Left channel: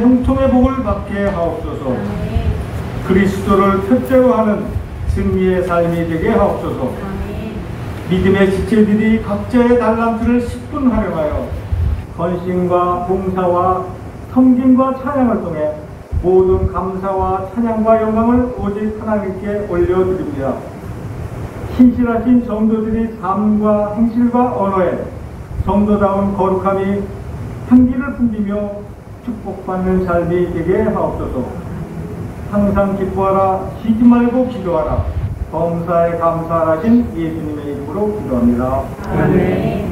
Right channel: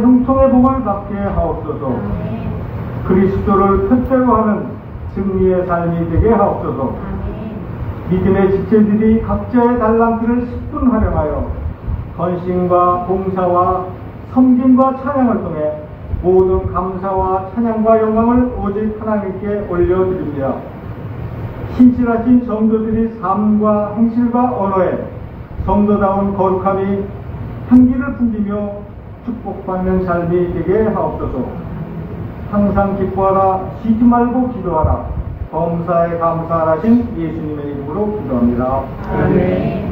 형통의 복을 받게 하옵소서. 그리스도를 표대로 하는 승리의 삶이 되게 하옵소서. 믿음의 지체들이 각자의 달란트를 10분 활용하여 헌신과 봉사와 섬김과 찬양을 통해 모든 감사와 찬양과 영광을 오직 하나님께 올려드립니다. 신실하신 성도들이 삶과 행실과 언어에 성도다운 거룩함이 향기를 풍기며 축복받는 삶이 되게 하옵소서. 항상 기뻐하라, 쉬지 말고 기도하라, 범사에 감사하신 예수님의 이름으로 기도합니다. 아멘.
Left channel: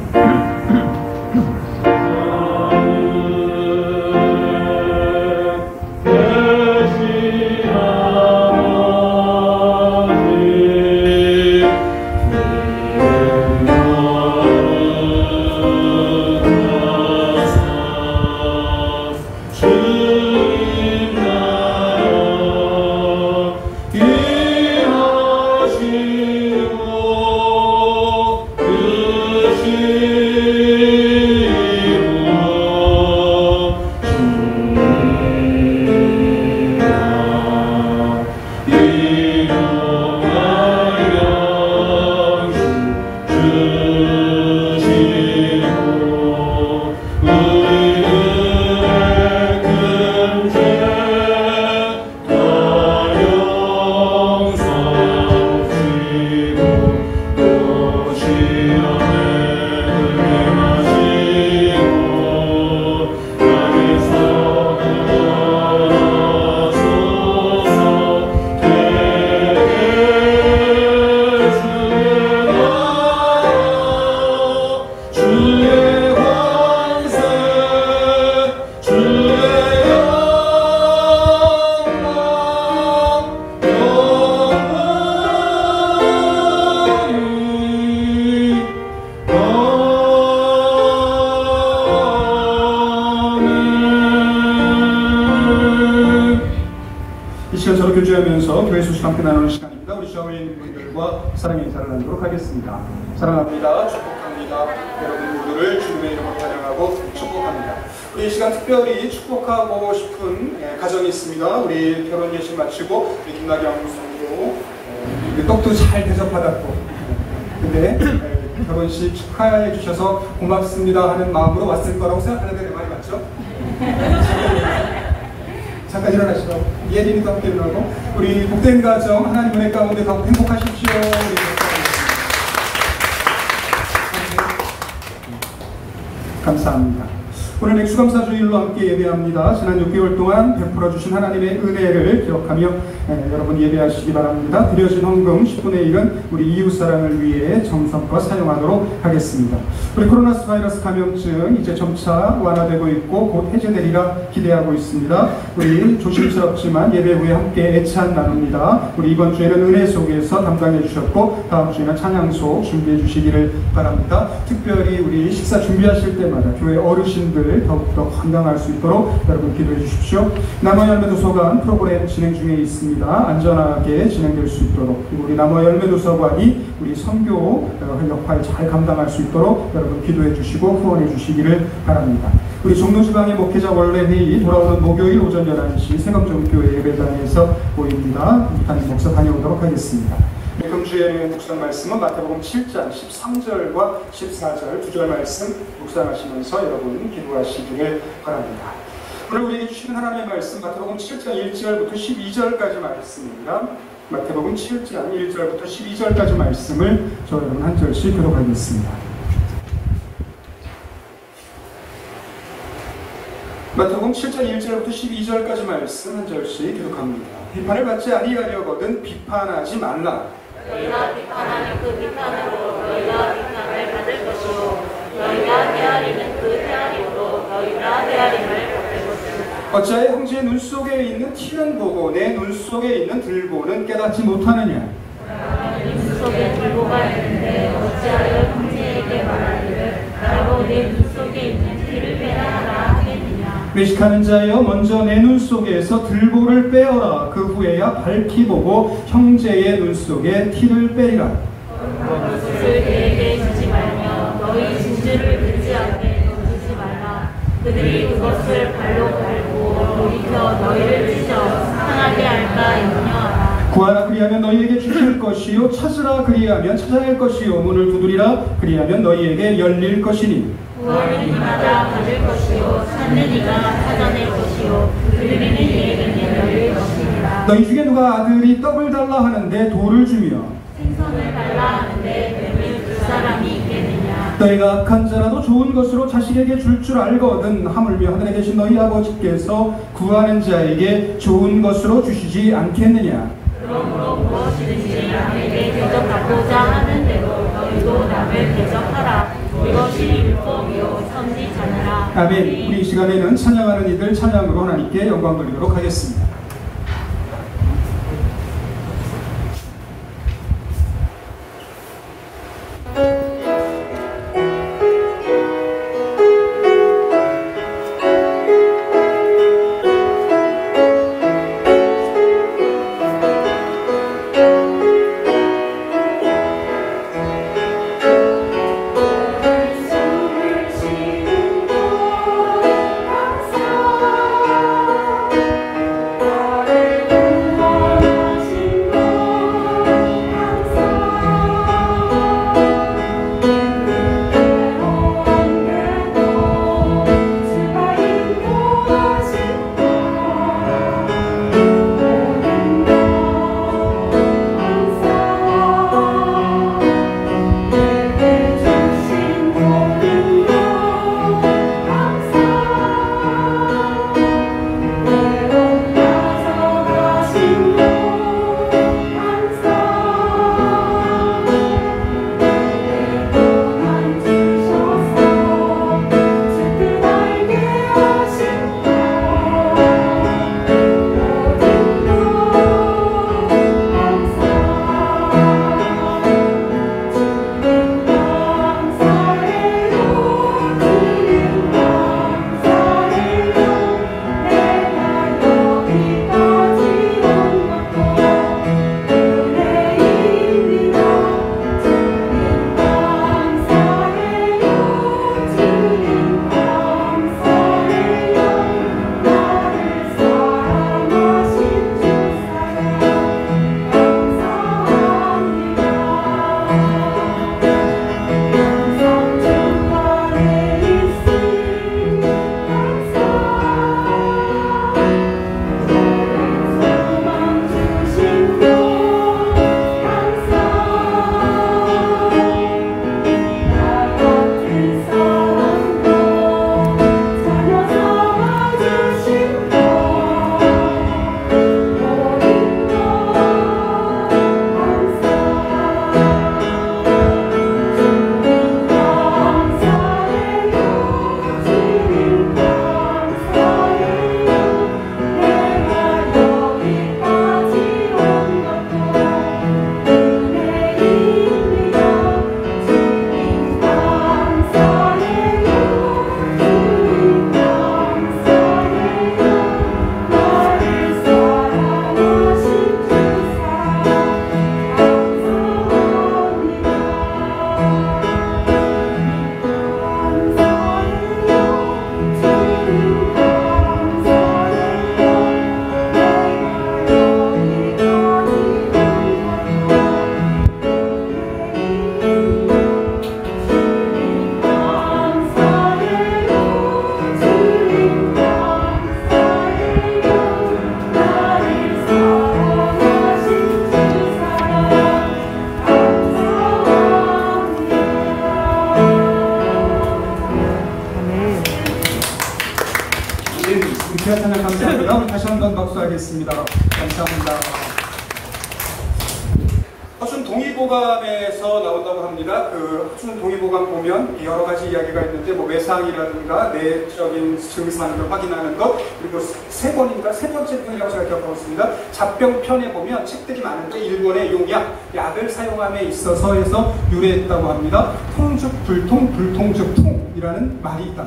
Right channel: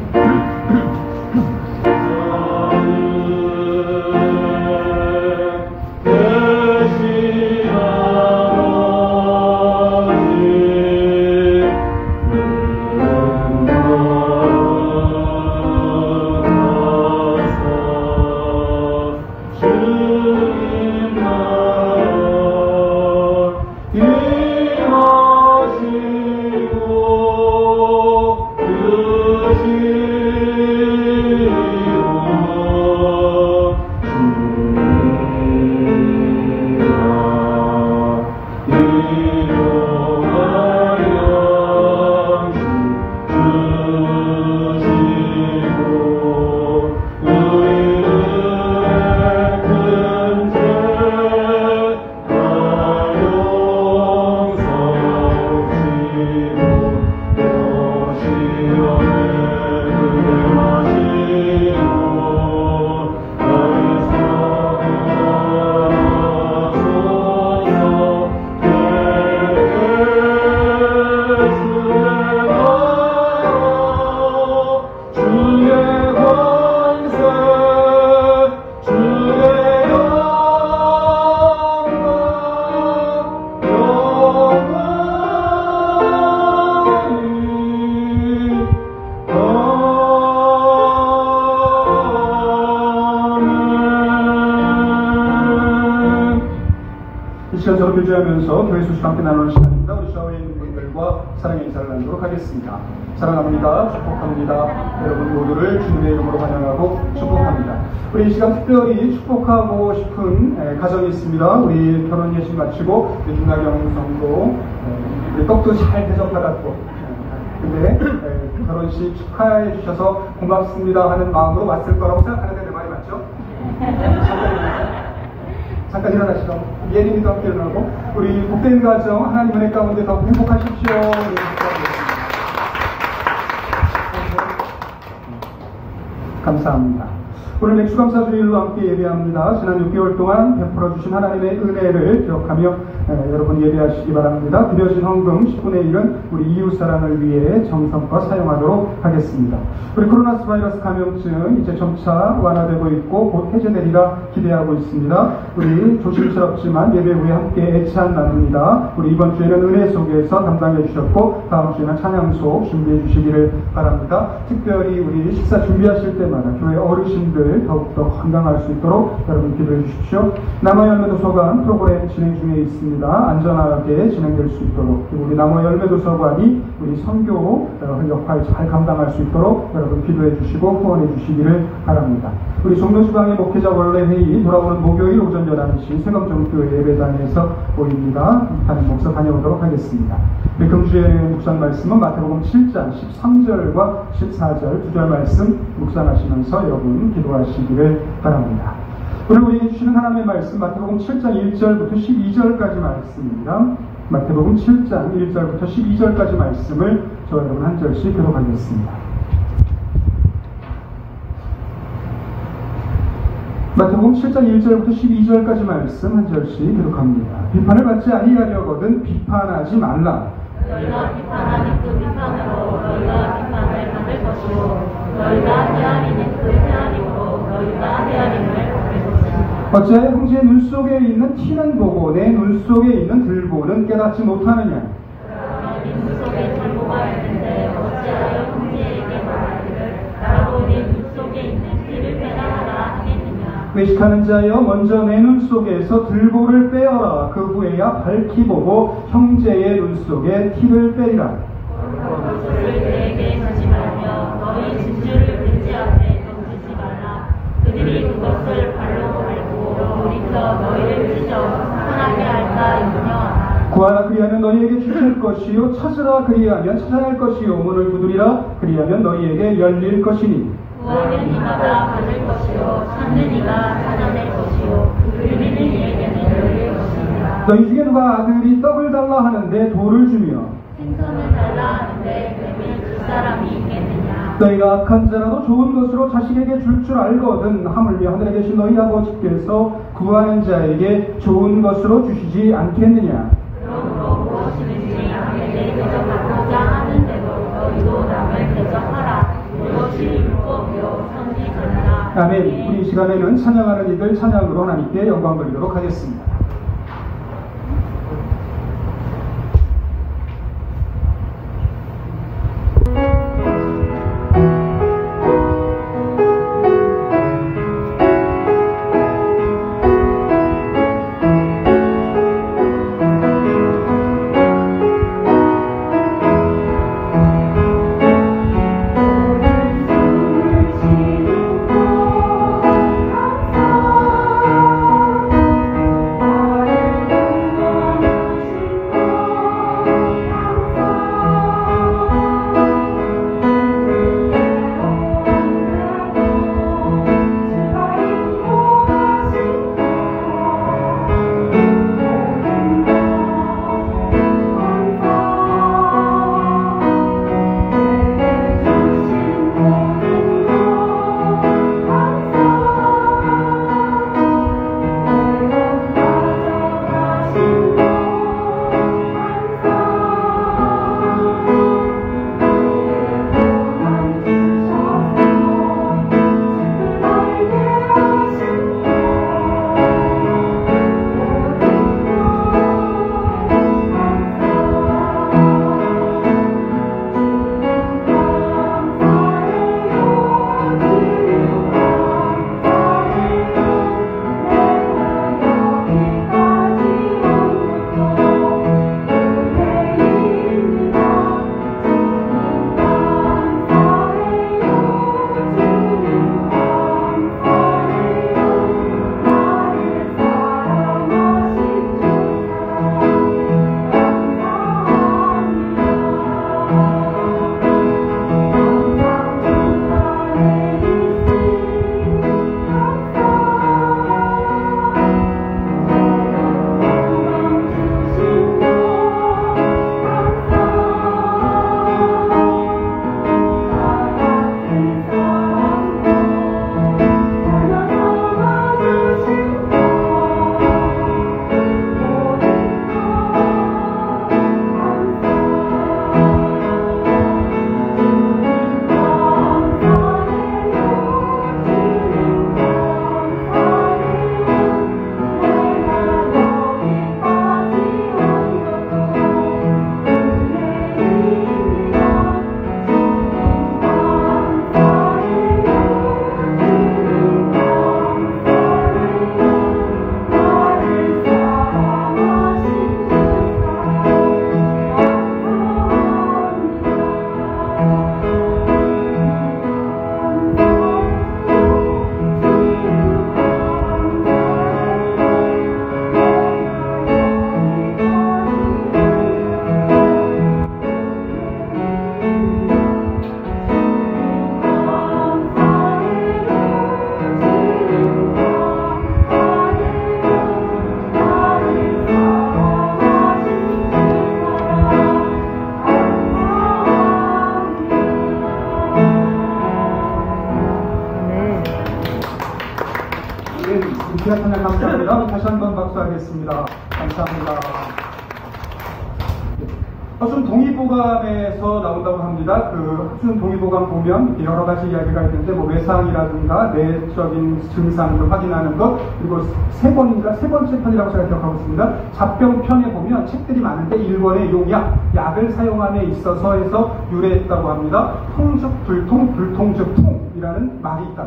교제하면서 교회 소식 함께 나누는 시간입니다. 우리 샤워인들과 사랑의 인사를 나누도록 하겠습니다. 사랑합니다. 축복합니다. 여러분 모두를 주님의 이름으로 환영하고 축복합니다. 우리 이 시간 특별히 축복하고 싶은 가정이 있습니다. 우리 결혼 예식 마치고 우리 김나경 성도 우리 떡도 잘 대접받았고 근데 결혼식 축하해 주셔서 고맙습니다 하는 마음으로 왔을 거라고 생각하는데 내 말이 맞죠? 잠깐 일어나시라고. 예림이도 함께 일어나고 우리 복된 가정 하나님 은혜 가운데 더 행복하십시오. 감사합니다. 오늘 맥주감사주일로 함께 예배합니다. 지난 6개월 동안 베풀어 주신 하나님의 은혜를 기억하며 여러분 예배하시기 바랍니다. 드려진 헌금 10분의 1은 우리 이웃사랑을 위해 정성껏 사용하도록 하겠습니다. 우리 코로나 바이러스 감염증 이제 점차 완화되고 있고 곧 해제되리라 기대하고 있습니다. 우리 조심스럽지만 예배 후에 함께 애찬 나눕니다. 우리 이번 주에는 은혜 속에서 담당해 주셨고 다음 주에는 찬양소 준비해 주시기를 바랍니다. 특별히 우리 식사 준비하실 때마다 교회 어르신들 더욱더 건강할 수 있도록 여러분 기도해 주십시오. 남아열매도서관 프로그램 진행 중에 있습니다. 안전하게 진행될 수 있도록 그리고 우리 남아열매도서관이 우리 선교 역할 잘 감당할 수 있도록 여러분 기도해 주시고 후원해 주시기를 바랍니다. 우리 종로지방의 목회자 원래회의 돌아오는 목요일 오전 11시 세검정교회 예배당에서 모입니다. 담임 목사 다녀오도록 하겠습니다. 우리 금주의 묵상 말씀은 마태복음 7장 13절과 14절 두 절 말씀 묵상하시면서 여러분 기도하시기를 바랍니다. 오늘 우리에게 주시는 하나님의 말씀 마태복음 7장 1절부터 12절까지 말씀입니다. 마태복음 7장 1절부터 12절까지 말씀을 저 여러분 한 절씩 기록하겠습니다. 마태복음 7장 1절부터 12절까지 말씀 한 절씩 기록합니다. 비판을 받지 아니하려거든 비판하지 말라. 너희가 비판하니 그 비판으로 너희가 비판을 받을 것이요 너희가 헤아리는 그 헤아림으로 너희가 헤아림을 받을 것이다. 어찌하여 형제의 눈 속에 있는 티는 보고 내 눈 속에 있는 들보는 깨닫지 못하느냐? 너희 눈 속에 들보가 있는데 어찌하여 형제에게 말하기를 나로 내 눈 속에 있는 티를 빼라 하라 하겠느냐? 외식하는 자여 먼저 내 눈 속에서 들보를 빼어라. 그 후에야 밝히 보고 형제의 눈 속에 티를 빼리라. 그것을 그에게 주지 말며 너희 진주를 그지 앞에 던지지 말라. 그들이 그것을 발로 밟고 돌이켜 너희를 찢어 상하게 할까 염려하라. 구하라 그리하면 너희에게 주실 것이요 찾으라 그리하면 찾아낼 것이요 문을 두드리라 그리하면 너희에게 열릴 것이니 구하는 이마다 받을 것이요 찾는 이가 찾아낼 것이요 들리는 이에게는 열릴 것입니다. 너희 중에 누가 아들이 떡을 달라 하는데 돌을 주며 생선을 달라 하는데 뱀을 줄 사람이 있겠느냐. 너희가 악한 자라도 좋은 것으로 자식에게 줄 알거든 하물며 하늘에 계신 너희 아버지께서 구하는 자에게 좋은 것으로 주시지 않겠느냐. 그러므로 무엇이든지 남에게 대접받고자 하는 대로 너희도 남을 대접하라. 이것이 율법이요 선지자니라. 아멘. 우리 이 시간에는 찬양하는 이들 찬양으로 하나님께 영광 돌리도록 하겠습니다. 귀한 찬양 감사하고요. 다시 한번 박수하겠습니다. 감사합니다. 허춘 동의보감에서 나온다고 합니다. 그 허춘 동의보감 보면 여러 가지 이야기가 있는데 뭐 외상이라든가 내적인 증상을 확인하는 것, 그리고 세 번째 편이라고 제가 기억하고 있습니다. 잡병편에 보면 책들이 많은데 1번의 용약, 약을 사용함에 있어서 해서 유래했다고 합니다. 통죽 불통, 불통죽 통이라는 말이 있다.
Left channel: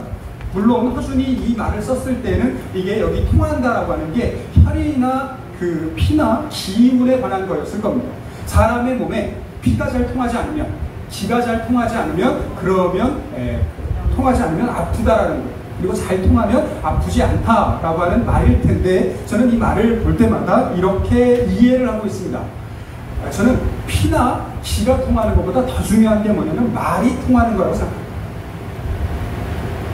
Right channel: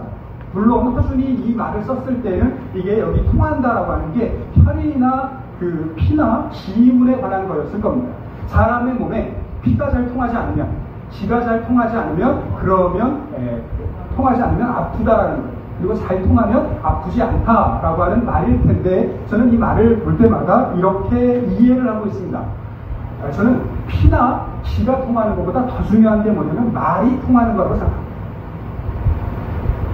물론 허준이 이 말을 썼을 때는 이게 여기 통한다라고 하는 게 혈이나 그 피나 기운에 관한 거였을 겁니다. 사람의 몸에 피가 잘 통하지 않으면, 기가 잘 통하지 않으면, 그러면 통하지 않으면 아프다라는 거예요. 그리고 잘 통하면 아프지 않다라고 하는 말일 텐데 저는 이 말을 볼 때마다 이렇게 이해를 하고 있습니다. 저는 피나 기가 통하는 것보다 더 중요한 게 뭐냐면 말이 통하는 거라고 생각합니다.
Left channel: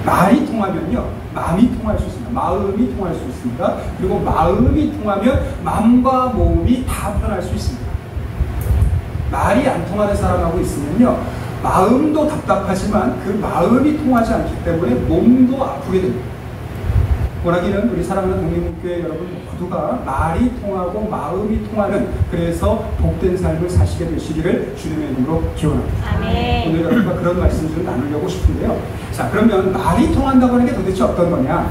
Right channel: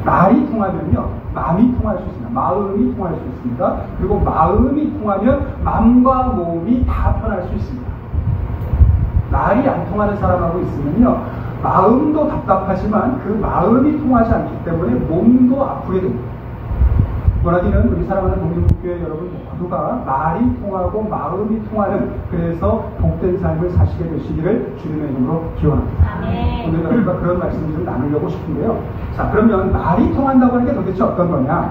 말이 통하면요, 마음이 통할 수 있습니다. 마음이 통할 수 있습니다. 그리고 마음이 통하면 마음과 몸이 다 편할 수 있습니다. 말이 안 통하는 사람하고 있으면요, 마음도 답답하지만 그 마음이 통하지 않기 때문에 몸도 아프게 됩니다. 원하기는 우리 사랑하는 독립국교회 여러분 모두가 말이 통하고 마음이 통하는, 그래서 복된 삶을 사시게 되시기를 주님의 이름으로 기원합니다. 아멘. 오늘 여러분과 그런 말씀 좀 나누려고 싶은데요. 자, 그러면 말이 통한다고 하는 게 도대체 어떤 거냐?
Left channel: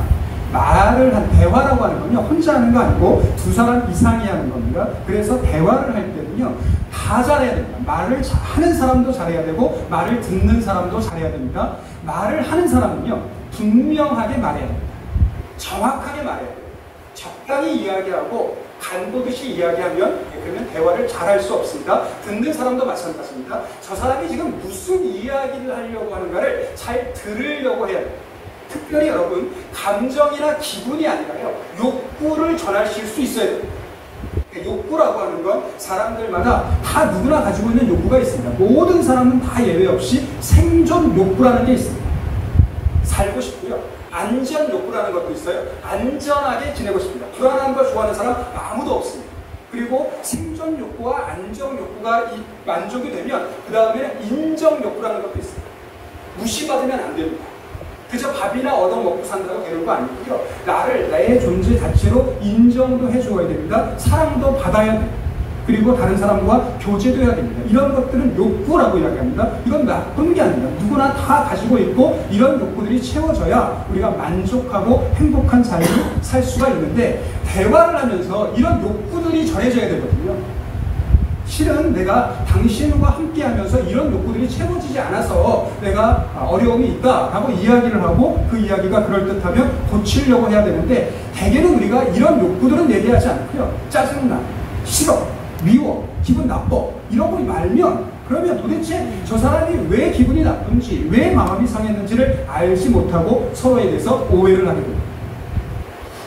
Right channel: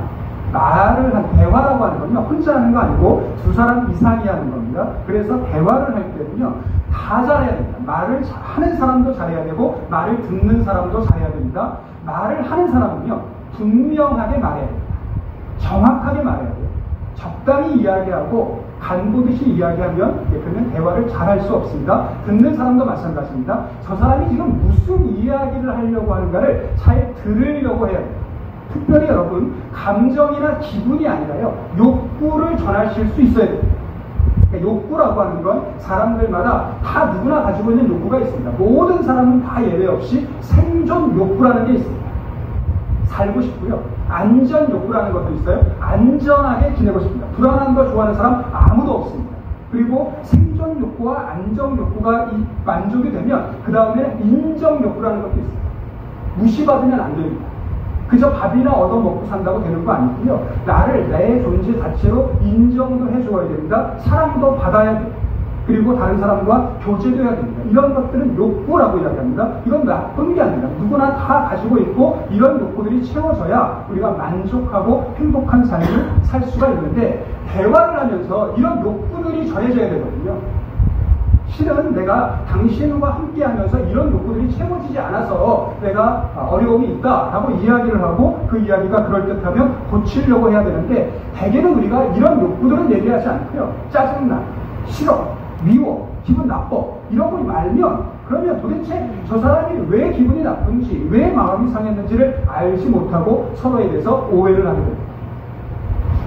말을 한 대화라고 하는 건요, 혼자 하는 거 아니고 두 사람 이상이 하는 겁니다. 그래서 대화를 할 때는요, 다 잘해야 됩니다. 말을 하는 사람도 잘해야 되고 말을 듣는 사람도 잘해야 됩니다. 말을 하는 사람은요, 분명하게 말해야 됩니다. 정확하게 말해야 돼요. 적당히 이야기하고 간보듯이 이야기하면, 그러면 대화를 잘할 수 없습니다. 듣는 사람도 마찬가지입니다. 저 사람이 지금 무슨 이야기를 하려고 하는가를 잘 들으려고 해야 돼요. 특별히 여러분, 감정이나 기분이 아니라요, 욕구를 전하실 수 있어야 돼요. 그러니까 욕구라고 하는 건 사람들마다 다 누구나 가지고 있는 욕구가 있습니다. 모든 사람은 다 예외 없이 생존 욕구라는 게 있습니다. 살고 싶고요. 안전 욕구라는 것도 있어요. 안전하게 지내고 싶습니다. 불안한 걸 좋아하는 사람 아무도 없습니다. 그리고 생존 욕구와 안정 욕구가 만족이 되면 그 다음에는 인정 욕구라는 것도 있습니다. 무시받으면 안 됩니다. 그저 밥이나 얻어먹고 산다고 되는 거 아니고요. 나를 내 존재 자체로 인정도 해줘야 됩니다. 사랑도 받아야 돼요. 그리고 다른 사람과 교제도 해야 됩니다. 이런 것들은 욕구라고 이야기합니다. 이건 나쁜 게 아닙니다. 누구나 다 가지고 있고 이런 욕구들이 채워져야 우리가 만족하고 행복한 삶을 살 수가 있는데, 대화를 하면서 이런 욕구들이 전해져야 되거든요. 실은 내가 당신과 함께 하면서 이런 욕구들이 채워지지 않아서 내가 어려움이 있다라고 이야기를 하고 그 이야기가 그럴듯하면 고치려고 해야 되는데, 대개는 우리가 이런 욕구들은 얘기하지 않고요. 짜증나, 싫어, 미워, 기분 나빠 이러고 말면, 그러면 도대체 저 사람이 왜 기분이 나쁜지, 왜 마음이 상했는지를 알지 못하고 서로에 대해서 오해를 하게 됩니다.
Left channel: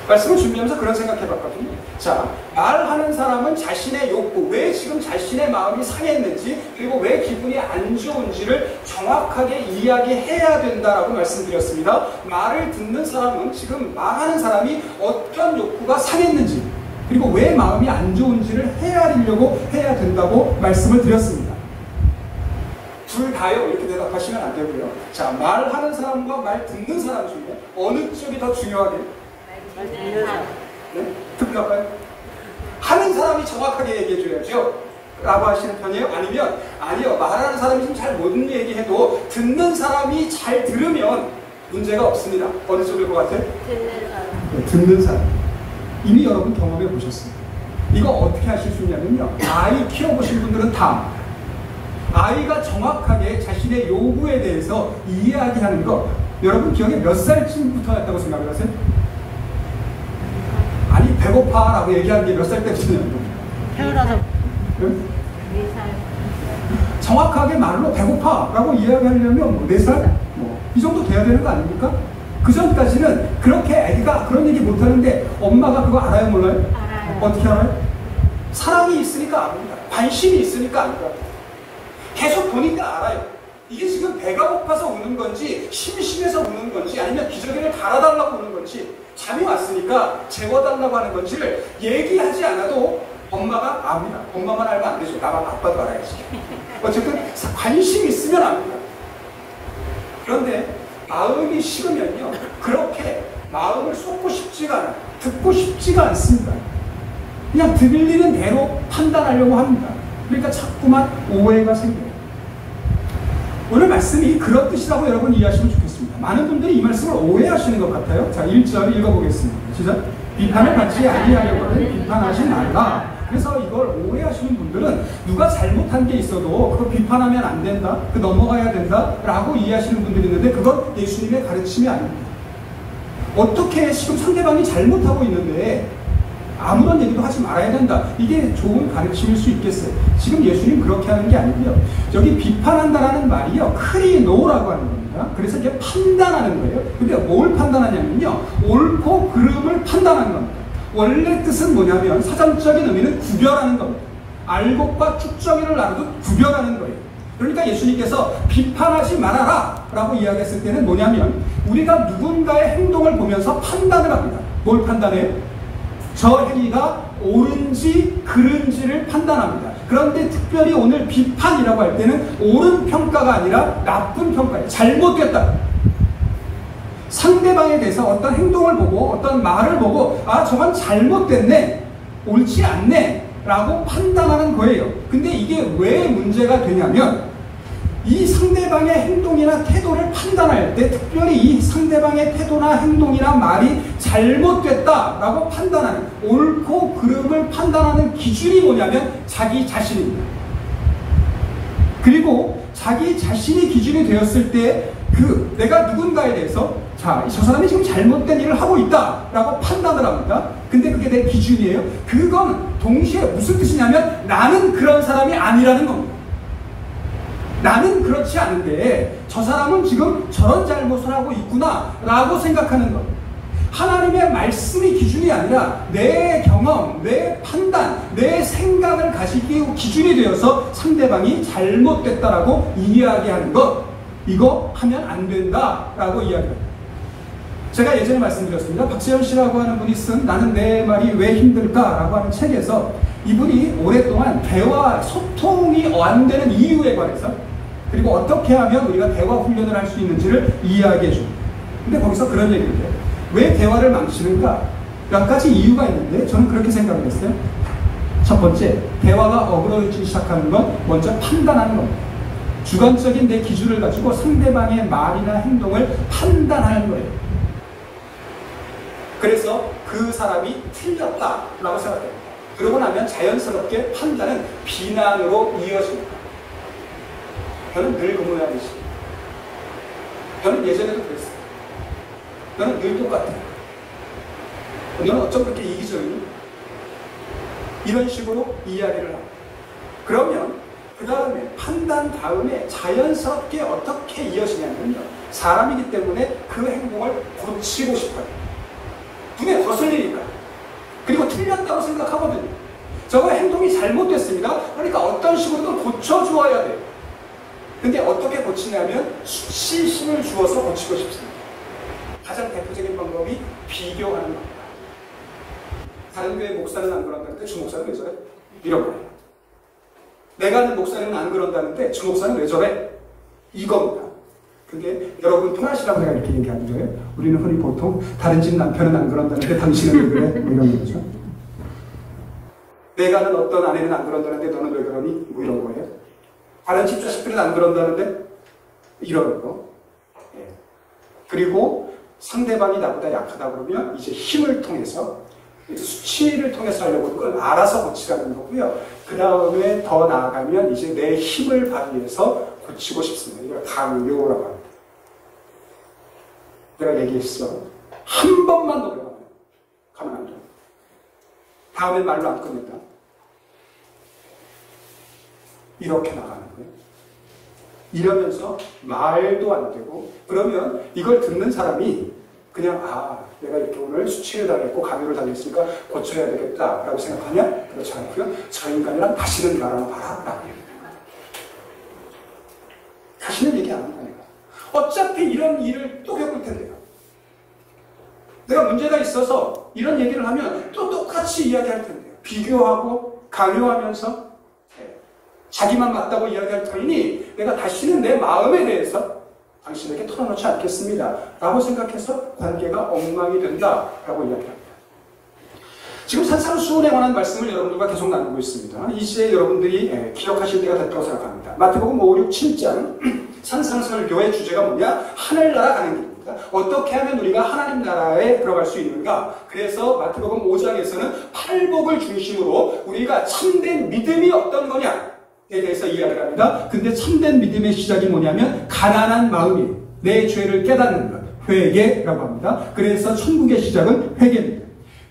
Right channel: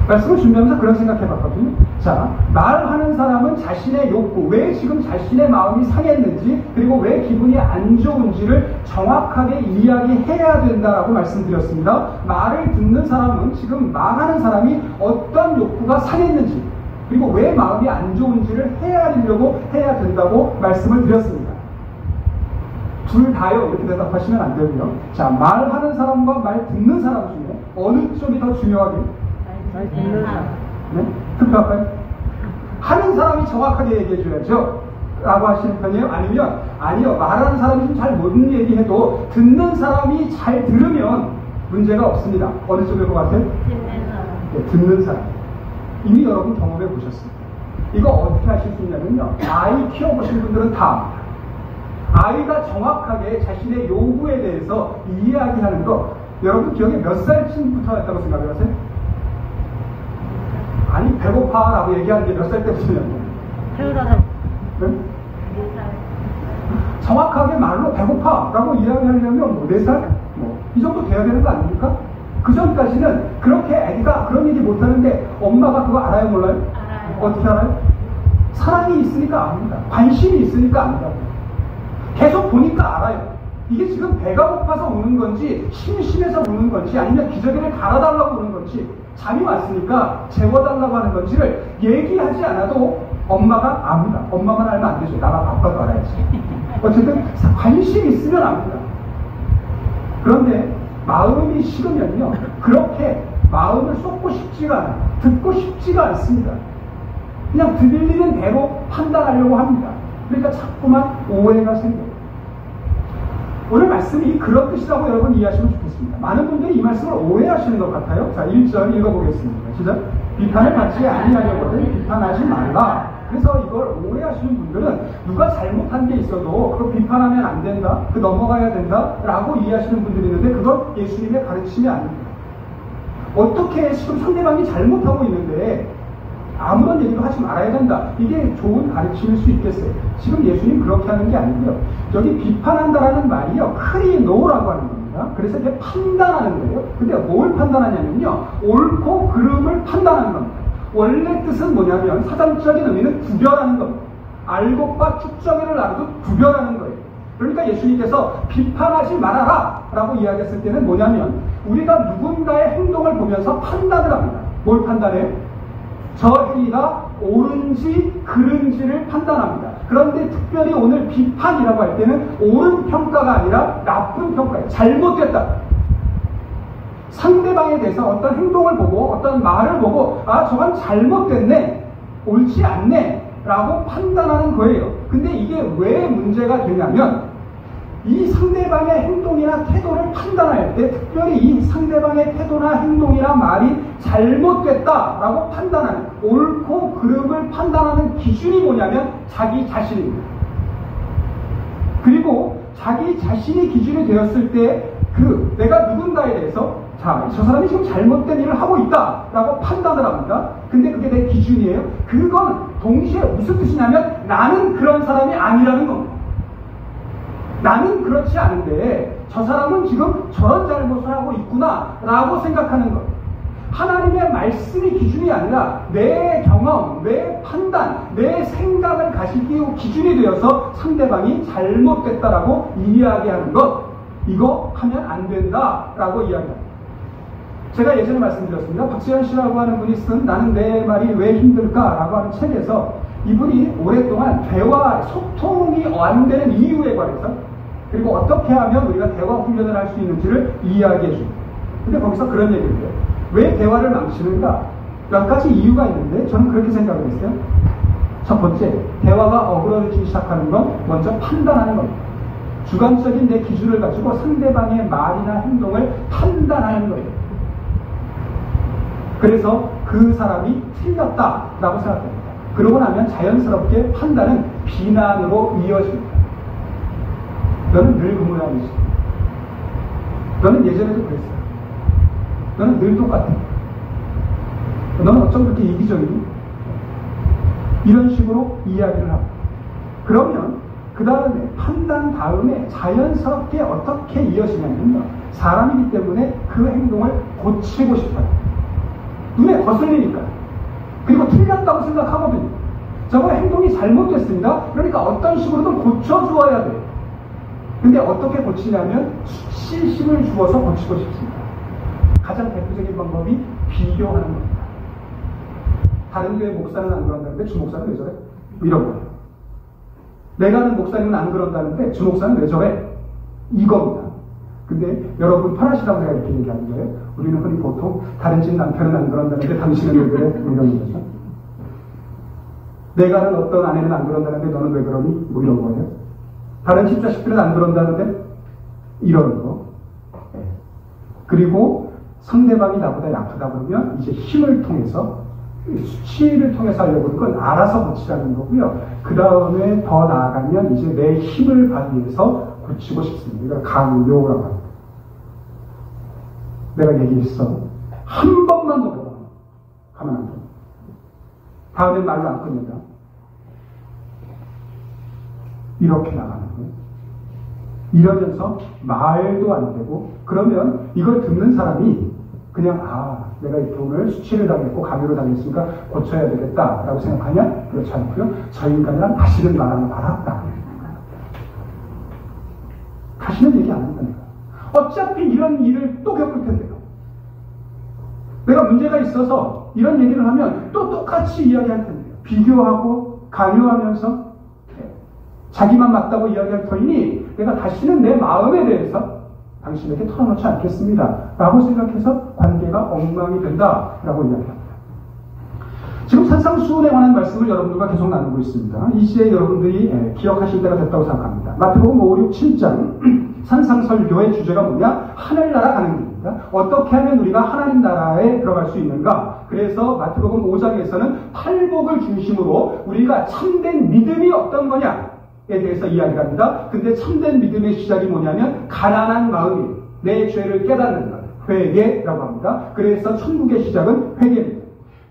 말씀을 준비하면서 그런 생각해봤거든요. 자, 말하는 사람은 자신의 욕구, 왜 지금 자신의 마음이 상했는지, 그리고 왜 기분이 안 좋은지를 정확하게 이야기해야 된다라고 말씀드렸습니다. 말을 듣는 사람은 지금 말하는 사람이 어떤 욕구가 상했는지, 그리고 왜 마음이 안 좋은지를 헤아리려고 해야 된다고 말씀을 드렸습니다. 둘 다요 이렇게 대답하시면 안 되고요. 자, 말하는 사람과 말 듣는 사람 중에 어느 쪽이 더 중요하게요? 말 듣는 사람. 네? 특별할까요? 하는 사람이 정확하게 얘기해줘야죠 라고 하시는 편이에요? 아니면 아니요, 말하는 사람이 좀 잘 못 얘기해도 듣는 사람이 잘 들으면 문제가 없습니다. 어느 쪽일 것 같아요? 듣는 사람. 네, 듣는 사람. 이미 여러분 경험해 보셨습니다. 이거 어떻게 하실 수 있냐면요, 아이 키워보신 분들은 다 아이가 정확하게 자신의 요구에 대해서 이야기하는 거, 여러분 기억에 몇 살쯤부터 했다고 생각을 하세요? 아니, 배고파 라고 얘기하는 게 몇 살 때부터냐는 거예요. 태어나서 네? 4살. 정확하게 말로 배고파 라고 이야기하려면 뭐 4살? 이 정도 돼야 되는 거 아닙니까? 그 전까지는 그렇게 애가 그런 얘기 못하는데 엄마가 그거 알아요, 몰라요? 알아요. 어떻게 알아요? 사랑이 있으니까 압니다. 관심이 있으니까 압니다. 계속 보니까 알아요. 이게 지금 배가 고파서 우는 건지, 심심해서 우는 건지, 아니면 기저귀를 갈아달라고 우는 건지, 잠이 왔으니까 재워달라고 하는 건지를 얘기하지 않아도 엄마가 압니다. 엄마만 알면 안 되죠. 나가 아빠도 알아야지. 어쨌든 관심이 있으면 압니다. 그런데 마음이 식으면요, 그렇게 마음을 쏟고 싶지가 않아요. 듣고 싶지가 않습니다. 그냥 들리는 대로 판단하려고 합니다. 그러니까 자꾸만 오해가 생겨요. 오늘 말씀이 그런 뜻이라고 여러분 이해하시면 좋겠습니다. 많은 분들이 이 말씀을 오해하시는 것 같아요. 자, 1절 읽어보겠습니다. 시작. 비판을 받지 아니하려거든 비판하지 말라. 그래서 이걸 오해하시는 분들은 누가 잘못한 게 있어도 그거 비판하면 안 된다, 그 넘어가야 된다 라고 이해하시는 분들이 있는데, 그건 예수님의 가르침이 아닙니다. 어떻게 지금 상대방이 잘못하고 있는데 아무런 얘기도 하지 말아야 된다, 이게 좋은 가르침일 수 있겠어요? 지금 예수님 그렇게 하는 게 아니고요. 여기 비판한다라는 말이요, 크리노라고 하는 겁니다. 합니다. 그래서 이게 판단하는 거예요. 근데 뭘 판단하냐면요, 옳고 그름을 판단하는 겁니다. 원래 뜻은 뭐냐면 사전적인 의미는 구별하는 겁니다. 알곡과 쭉정이를 나누듯 구별하는 거예요. 그러니까 예수님께서 비판하지 말아라 라고 이야기했을 때는 뭐냐면 우리가 누군가의 행동을 보면서 판단을 합니다. 뭘 판단해요? 저 행위가 옳은지 그른지를 판단합니다. 그런데 특별히 오늘 비판이라고 할 때는 옳은 평가가 아니라 나쁜 평가예요. 잘못됐다. 상대방에 대해서 어떤 행동을 보고 어떤 말을 보고 아 저건 잘못됐네, 옳지 않네 라고 판단하는 거예요. 근데 이게 왜 문제가 되냐면 이 상대방의 행동이나 태도를 판단할 때 특별히 이 상대방의 태도나 행동이나 말이 잘못됐다라고 판단하는, 옳고 그름을 판단하는 기준이 뭐냐면 자기 자신입니다. 그리고 자기 자신이 기준이 되었을 때 내가 누군가에 대해서 저 사람이 지금 잘못된 일을 하고 있다라고 판단을 합니다. 근데 그게 내 기준이에요. 그건 동시에 무슨 뜻이냐면 나는 그런 사람이 아니라는 겁니다. 나는 그렇지 않은데 저 사람은 지금 저런 잘못을 하고 있구나 라고 생각하는 것. 하나님의 말씀이 기준이 아니라 내 경험, 내 판단, 내 생각을 가지기 기준이 되어서 상대방이 잘못됐다라고 이야기하는 것, 이거 하면 안 된다라고 이야기합니다. 제가 예전에 말씀드렸습니다. 박재현 씨라고 하는 분이 쓴 나는 내 말이 왜 힘들까라고 하는 책에서 이분이 오랫동안 대화, 소통이 안 되는 이유에 관해서 그리고 어떻게 하면 우리가 대화 훈련을 할 수 있는지를 이야기해 줍니다. 근데 거기서 그런 얘기를 해요. 왜 대화를 망치는가? 몇 가지 이유가 있는데 저는 그렇게 생각을 했어요. 첫 번째, 대화가 어그러지기 시작하는 건 먼저 판단하는 겁니다. 주관적인 내 기준을 가지고 상대방의 말이나 행동을 판단하는 거예요. 그래서 그 사람이 틀렸다라고 생각합니다. 그러고 나면 자연스럽게 판단은 비난으로 이어집니다. 너는 늘 그 모양이지. 너는 예전에도 그랬어. 너는 늘 똑같아. 너는 어쩜 그렇게 이기적이니? 이런 식으로 이야기를 하고. 그러면 그 다음에 판단 다음에 자연스럽게 어떻게 이어지냐면요, 사람이기 때문에 그 행동을 고치고 싶어요. 눈에 거슬리니까. 그리고 틀렸다고 생각하거든요. 저거 행동이 잘못됐습니다. 그러니까 어떤 식으로든 고쳐주어야 돼요. 근데 어떻게 고치냐면 수치심을 주어서 고치고 싶습니다. 가장 대표적인 방법이 비교하는 겁니다. 다른 교회 목사는 안 그런다는데 주 목사는 왜 저래? 이런 거예요. 내가 아는 목사님은 안 그런다는데 주 목사는 왜 저래? 이겁니다. 근데 여러분 편하시라고 제가 이렇게 얘기하는 거예요. 우리는 흔히 보통 다른 집 남편은 안 그런다는데 당신은 왜 그래? 이런 거죠. 내가 아는 어떤 아내는 안 그런다는데 너는 왜 그러니? 뭐 이런 거예요. 다른 집 자식들은 안 그런다는데 이런 거. 네. 그리고 상대방이 나보다 약하다 그러면 이제 힘을 통해서, 수치를 통해서 하려고 그걸 알아서 고치라는 거고요. 그 다음에 더 나아가면 이제 내 힘을 발휘해서 고치고 싶습니다. 이걸 강요라고 합니다. 내가 얘기했어. 한 번만 더 배워. 가면 안 돼. 다음엔 말로 안 끝낸다. 이렇게 나가는 거예요. 이러면서 말도 안 되고, 그러면 이걸 듣는 사람이 그냥 내가 이렇게 오늘 수치를 당했고 강요를 당했으니까 고쳐야 되겠다라고 생각하냐? 그렇지 않고요. 저 인간이랑 다시는 말하는 봐라 라고 다시는 얘기 안 한다니까. 어차피 이런 일을 또 겪을 텐데요. 내가 문제가 있어서 이런 얘기를 하면 또 똑같이 이야기할 텐데요. 비교하고 강요하면서 자기만 맞다고 이야기할 터이니 내가 다시는 내 마음에 대해서 당신에게 털어놓지 않겠습니다 라고 생각해서 관계가 엉망이 된다라고 이야기합니다. 지금 산상수훈에 관한 말씀을 여러분들과 계속 나누고 있습니다. 이 시에 여러분들이 기억하실 때가 됐다고 생각합니다. 마태복음 5, 6, 7장 산상설교의 주제가 뭐냐? 하늘나라 가는 길입니다. 어떻게 하면 우리가 하나님 나라에 들어갈 수 있는가? 그래서 마태복음 5장에서는 팔복을 중심으로 우리가 참된 믿음이 어떤 거냐에 대해서 이야기를 합니다. 근데 참된 믿음의 시작이 뭐냐면 가난한 마음이에요. 내 죄를 깨닫는 것, 회개라고 합니다. 그래서 천국의 시작은 회개입니다.